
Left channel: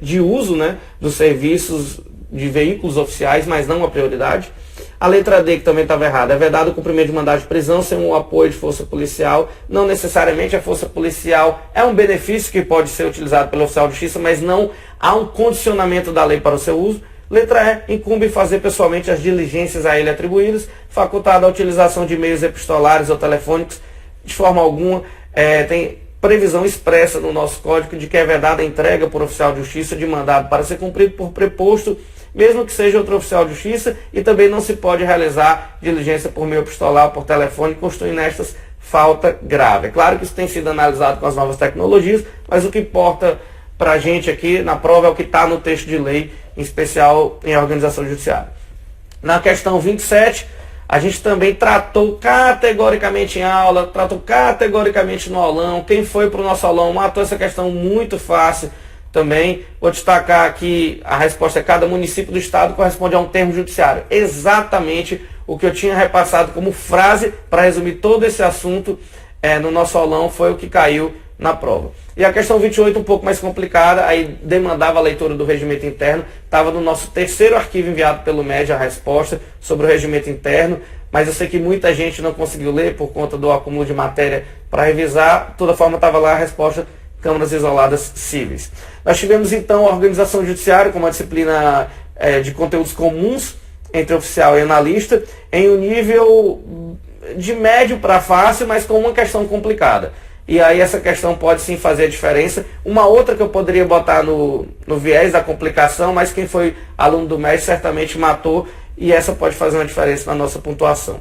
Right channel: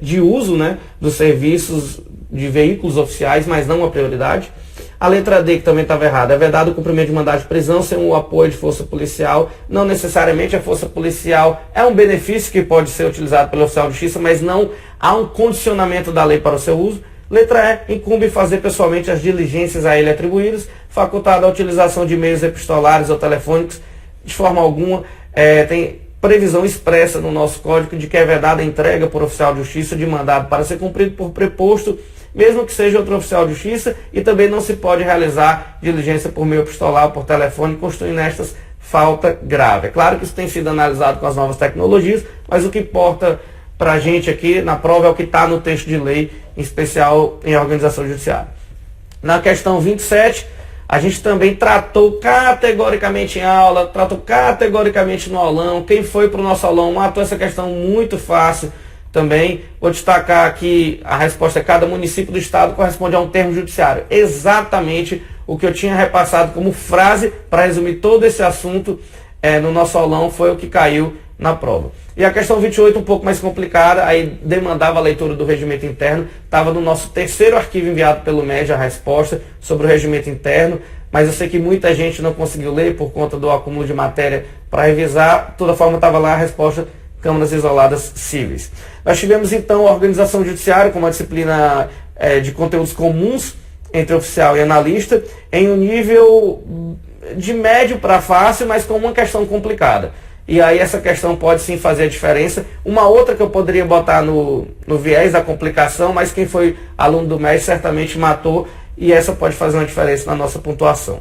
de uso, né, dos serviços de veículos oficiais, mas não a prioridade. A letra D, que também estava errada, é vedado o cumprimento de mandado de prisão sem o apoio de força policial. Não necessariamente a força policial é um benefício que pode ser utilizado pelo oficial de justiça, mas não há um condicionamento da lei para o seu uso. Letra E, incumbe fazer pessoalmente as diligências a ele atribuídas, facultada a utilização de meios epistolares ou telefônicos, de forma alguma. Tem previsão expressa no nosso código de que é vedada a entrega por oficial de justiça de mandado para ser cumprido por preposto, mesmo que seja outro oficial de justiça, e também não se pode realizar diligência por meio epistolar ou por telefone, constituindo estas falta grave. É claro que isso tem sido analisado com as novas tecnologias, mas o que importa para a gente aqui na prova é o que está no texto de lei, em especial em organização judiciária. Na questão 27, a gente também tratou categoricamente em aula, tratou categoricamente no aulão. Quem foi para o nosso aulão matou essa questão muito fácil também. Vou destacar aqui a resposta: cada município do estado corresponde a um termo judiciário. Exatamente o que eu tinha repassado como frase para resumir todo esse assunto no nosso aulão foi o que caiu na prova. E a questão 28, um pouco mais complicada, aí demandava a leitura do regimento interno, estava no nosso terceiro arquivo enviado pelo MED a resposta sobre o regimento interno, mas eu sei que muita gente não conseguiu ler por conta do acúmulo de matéria para revisar. De toda forma, estava lá a resposta: câmaras isoladas cíveis. Nós tivemos então a organização judiciária como uma disciplina de conteúdos comuns entre oficial e analista, em um nível de médio para fácil, mas com uma questão complicada. E aí essa questão pode sim fazer a diferença. Uma outra que eu poderia botar no viés da complicação, mas quem foi aluno do MED certamente matou, e essa pode fazer uma diferença na nossa pontuação.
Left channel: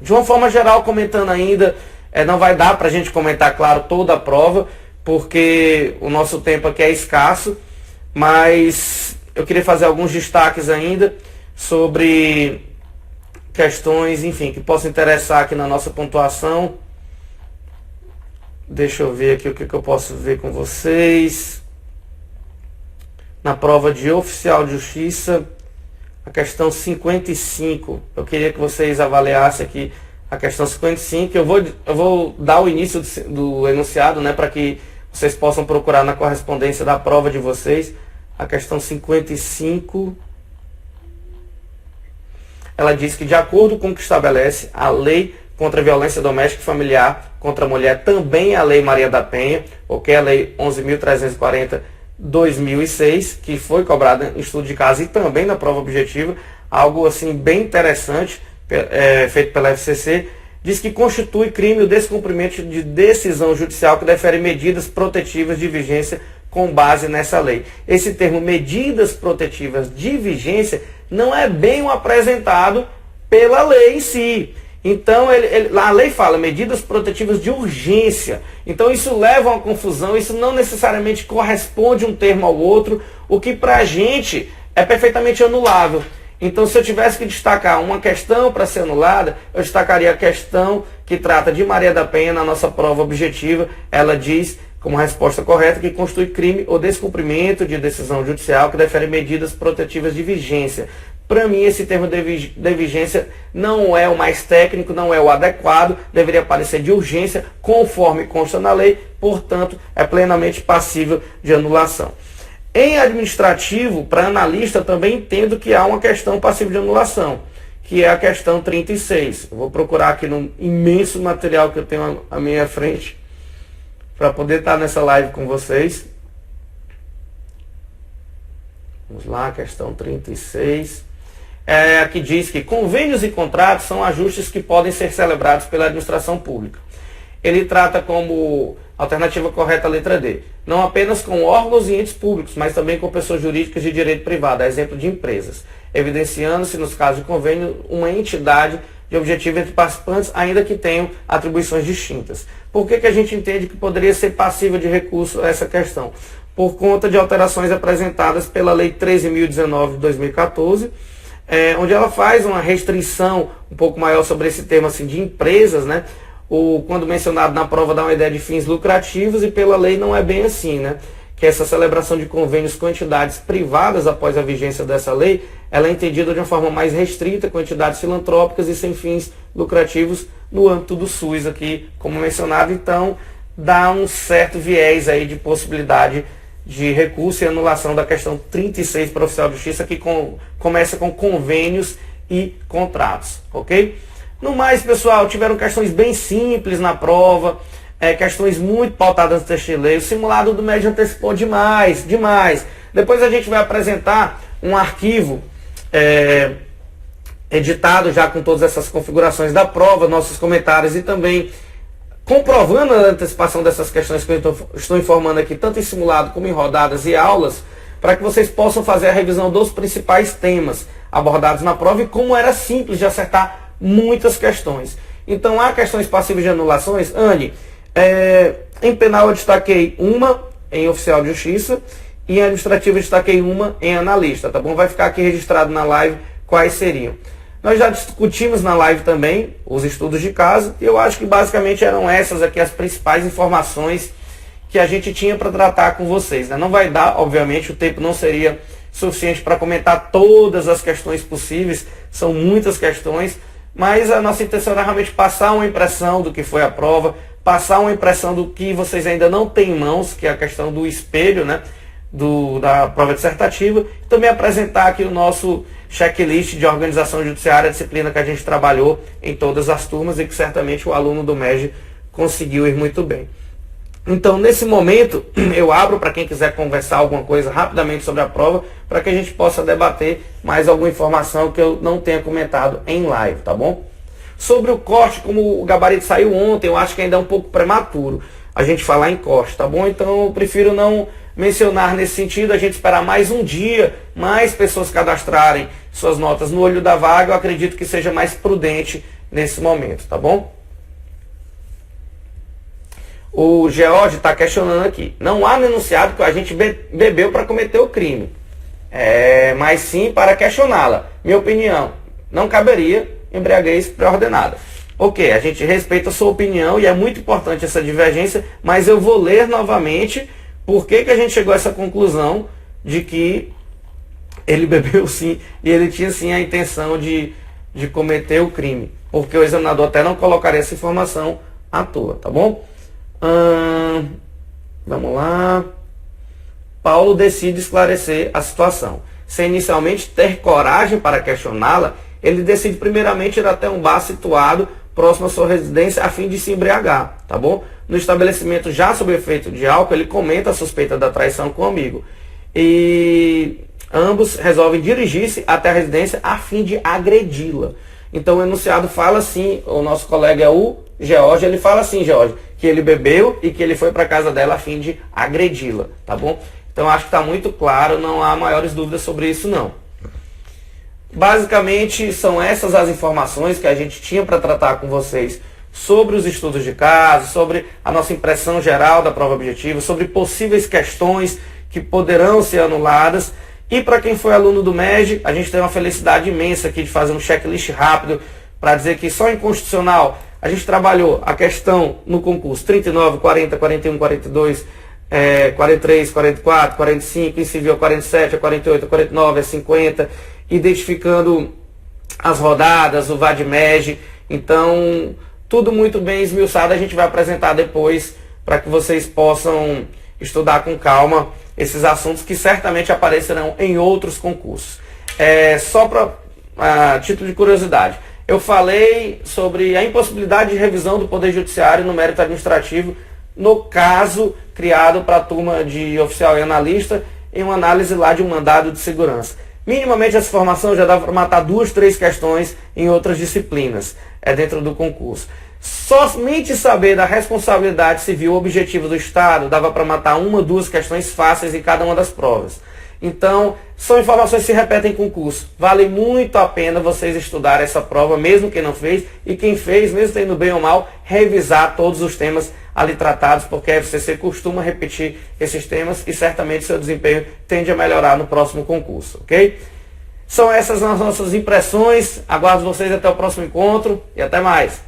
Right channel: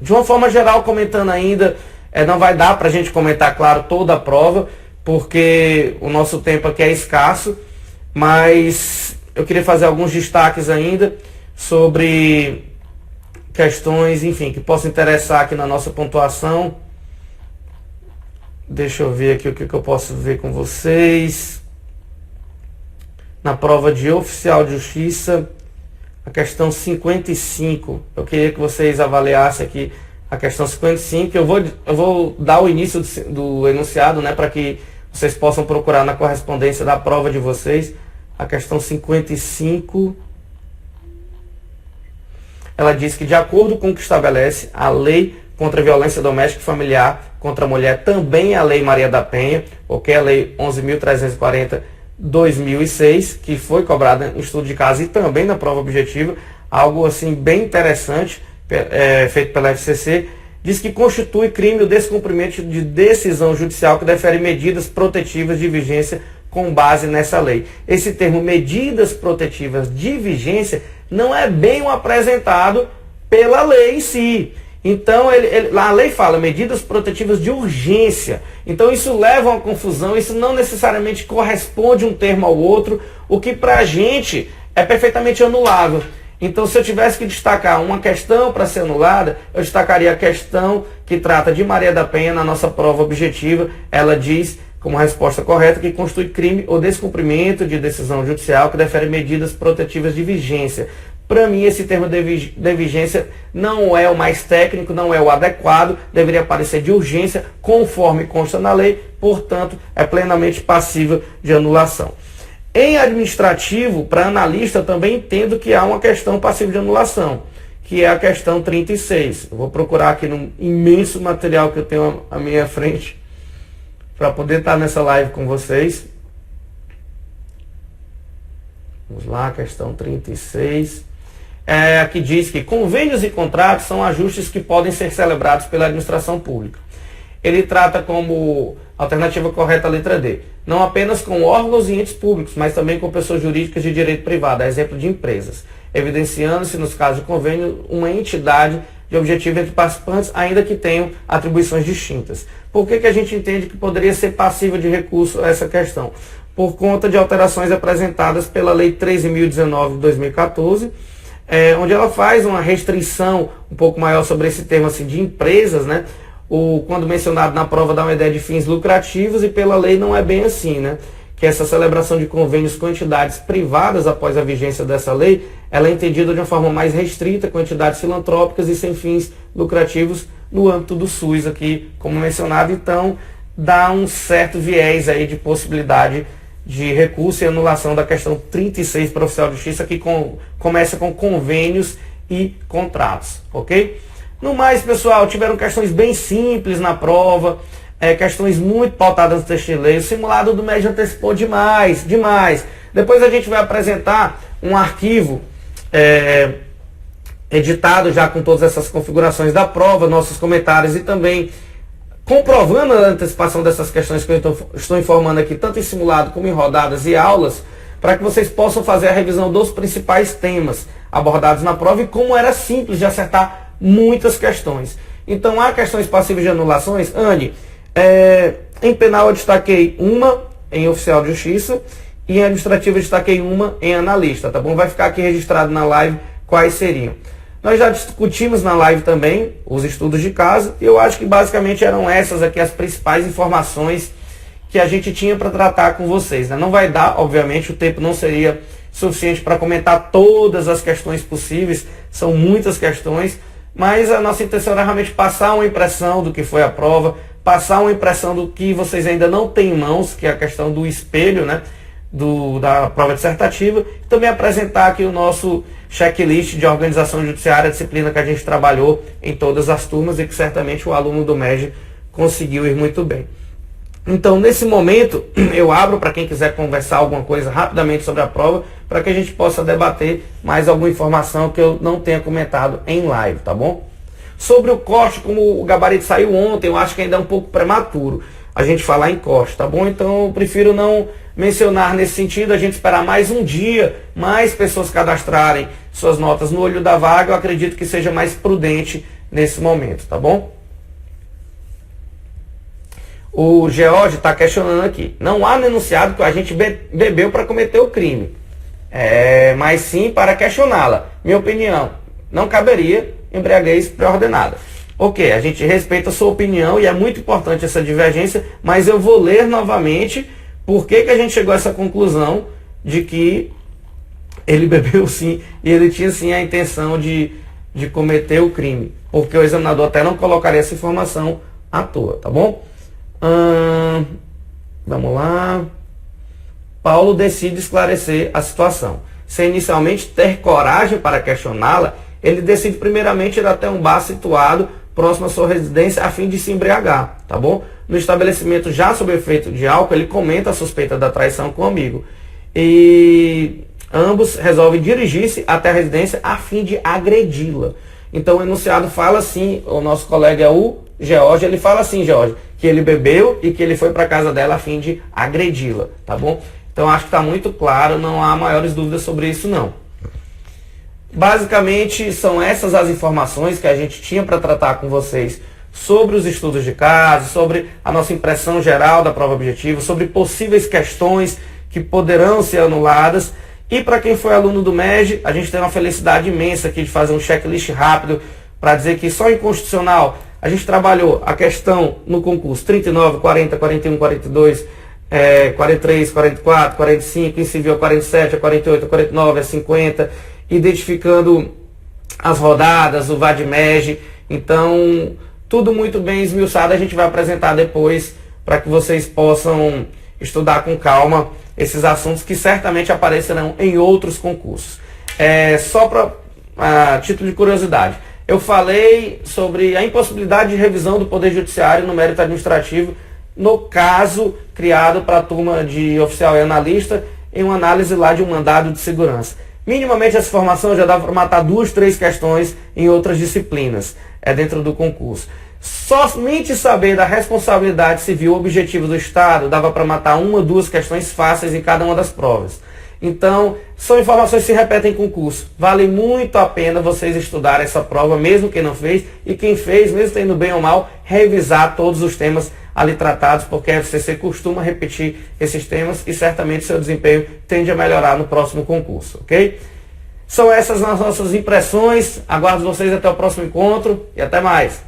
De uma forma geral, comentando ainda, não vai dar para a gente comentar, claro, toda a prova, porque o nosso tempo aqui é escasso, mas eu queria fazer alguns destaques ainda sobre questões, enfim, que possam interessar aqui na nossa pontuação. Deixa eu ver aqui o que eu posso ver com vocês. Na prova de oficial de justiça, a questão 55. Eu queria que vocês avaliassem aqui a questão 55. Eu vou dar o início do enunciado, né, para que vocês possam procurar na correspondência da prova de vocês. A questão 55. Ela diz que, de acordo com o que estabelece a lei contra a violência doméstica e familiar contra a mulher, também a Lei Maria da Penha, ok? A Lei 11.340/2006, que foi cobrada em estudo de caso e também na prova objetiva, algo assim bem interessante, feito pela FCC, diz que constitui crime o descumprimento de decisão judicial que defere medidas protetivas de vigência com base nessa lei. Esse termo, medidas protetivas de vigência, não é bem apresentado pela lei em si. Então, a lei fala medidas protetivas de urgência. Então, isso leva a uma confusão, isso não necessariamente corresponde um termo ao outro, o que para a gente é perfeitamente anulável. Então, se eu tivesse que destacar uma questão para ser anulada, eu destacaria a questão que trata de Maria da Penha na nossa prova objetiva. Ela diz, como resposta correta, que constitui crime o descumprimento de decisão judicial que defere medidas protetivas de vigência. Para mim, esse termo de vigência não é o mais técnico, não é o adequado, deveria aparecer de urgência, conforme consta na lei, portanto, é plenamente passível de anulação. Em administrativo, para analista, também entendo que há uma questão passível de anulação, que é a questão 36. Eu vou procurar aqui no imenso material que eu tenho à minha frente, para poder estar nessa live com vocês. Vamos lá, questão 36. Aqui diz que convênios e contratos são ajustes que podem ser celebrados pela administração pública. Ele trata como alternativa correta a letra D, não apenas com órgãos e entes públicos, mas também com pessoas jurídicas de direito privado, a exemplo de empresas, evidenciando-se, nos casos de convênio, uma entidade de objetivo entre participantes, ainda que tenham atribuições distintas. Por que a gente entende que poderia ser passível de recurso a essa questão? Por conta de alterações apresentadas pela Lei 13.019 de 2014, onde ela faz uma restrição um pouco maior sobre esse tema assim, de empresas, né? Quando mencionado na prova dá uma ideia de fins lucrativos, e pela lei não é bem assim, né? Que essa celebração de convênios com entidades privadas após a vigência dessa lei, ela é entendida de uma forma mais restrita, com entidades filantrópicas e sem fins lucrativos no âmbito do SUS aqui, como mencionado. Então, dá um certo viés aí de possibilidade de recurso e anulação da questão 36 para o oficial de justiça, que começa com convênios e contratos, ok? No mais, pessoal, tiveram questões bem simples na prova, questões muito pautadas no texto de lei. O simulado do MED antecipou demais. Depois a gente vai apresentar um arquivo editado já com todas essas configurações da prova, nossos comentários e também comprovando a antecipação dessas questões que eu estou informando aqui, tanto em simulado como em rodadas e aulas, para que vocês possam fazer a revisão dos principais temas abordados na prova e como era simples de acertar muitas questões. Então, há questões passíveis de anulações. Anne, em penal eu destaquei uma em oficial de justiça e em administrativo eu destaquei uma em analista, tá bom? Vai ficar aqui registrado na live quais seriam. Nós já discutimos na live também os estudos de caso, e eu acho que basicamente eram essas aqui as principais informações que a gente tinha para tratar com vocês, né? Não vai dar, obviamente, o tempo não seria suficiente para comentar todas as questões possíveis, são muitas questões, mas a nossa intenção era realmente passar uma impressão do que foi a prova, passar uma impressão do que vocês ainda não têm em mãos, que é a questão do espelho, né? Da prova dissertativa, e também apresentar aqui o nosso checklist de organização judiciária, a disciplina que a gente trabalhou em todas as turmas e que certamente o aluno do MED conseguiu ir muito bem. Então, nesse momento, eu abro para quem quiser conversar alguma coisa rapidamente sobre a prova, para que a gente possa debater mais alguma informação que eu não tenha comentado em live, tá bom? Sobre o corte, como o gabarito saiu ontem, eu acho que ainda é um pouco prematuro a gente falar em corte, tá bom? Então, eu prefiro não mencionar nesse sentido, a gente esperar mais um dia, mais pessoas cadastrarem suas notas no olho da vaga, eu acredito que seja mais prudente nesse momento, tá bom? O George está questionando aqui, não há no enunciado que o agente bebeu para cometer o crime, mas sim para questioná-la. Minha opinião, não caberia embriaguez pré-ordenada. Ok, a gente respeita a sua opinião e é muito importante essa divergência, mas eu vou ler novamente por que a gente chegou a essa conclusão de que ele bebeu sim e ele tinha sim a intenção de cometer o crime. Porque o examinador até não colocaria essa informação à toa, tá bom? Vamos lá. Paulo decide esclarecer a situação. Sem inicialmente ter coragem para questioná-la, ele decide primeiramente ir até um bar situado próximo à sua residência a fim de se embriagar, tá bom? No estabelecimento, já sob efeito de álcool, ele comenta a suspeita da traição com o amigo. E ambos resolvem dirigir-se até a residência a fim de agredi-la. Então o enunciado fala assim, o nosso colega é o George, ele fala assim, George, que ele bebeu e que ele foi para casa dela a fim de agredi-la, tá bom? Então acho que está muito claro, não há maiores dúvidas sobre isso não. Basicamente são essas as informações que a gente tinha para tratar com vocês sobre os estudos de caso, sobre a nossa impressão geral da prova objetiva, sobre possíveis questões que poderão ser anuladas. E para quem foi aluno do MEG, a gente tem uma felicidade imensa aqui de fazer um checklist rápido para dizer que só em Constitucional a gente trabalhou a questão no concurso 39, 40, 41, 42, 43, 44, 45, em civil 47, 48, 49, 50, identificando as rodadas, o VAD-MEG. Então, tudo muito bem esmiuçado, a gente vai apresentar depois para que vocês possam estudar com calma esses assuntos que certamente aparecerão em outros concursos. Só para título de curiosidade, eu falei sobre a impossibilidade de revisão do Poder Judiciário no mérito administrativo no caso criado para a turma de oficial e analista em uma análise lá de um mandado de segurança. Minimamente essa formação já dava para matar 2, 3 questões em outras disciplinas dentro do concurso. Somente saber da responsabilidade civil objetiva do Estado dava para matar 1, 2 questões fáceis em cada uma das provas. Então, são informações que se repetem em concurso. Vale muito a pena vocês estudarem essa prova, mesmo quem não fez, e quem fez, mesmo tendo bem ou mal, revisar todos os temas ali tratados, porque a FCC costuma repetir esses temas e certamente seu desempenho tende a melhorar no próximo concurso, ok? São essas as nossas impressões. Aguardo vocês até o próximo encontro e até mais.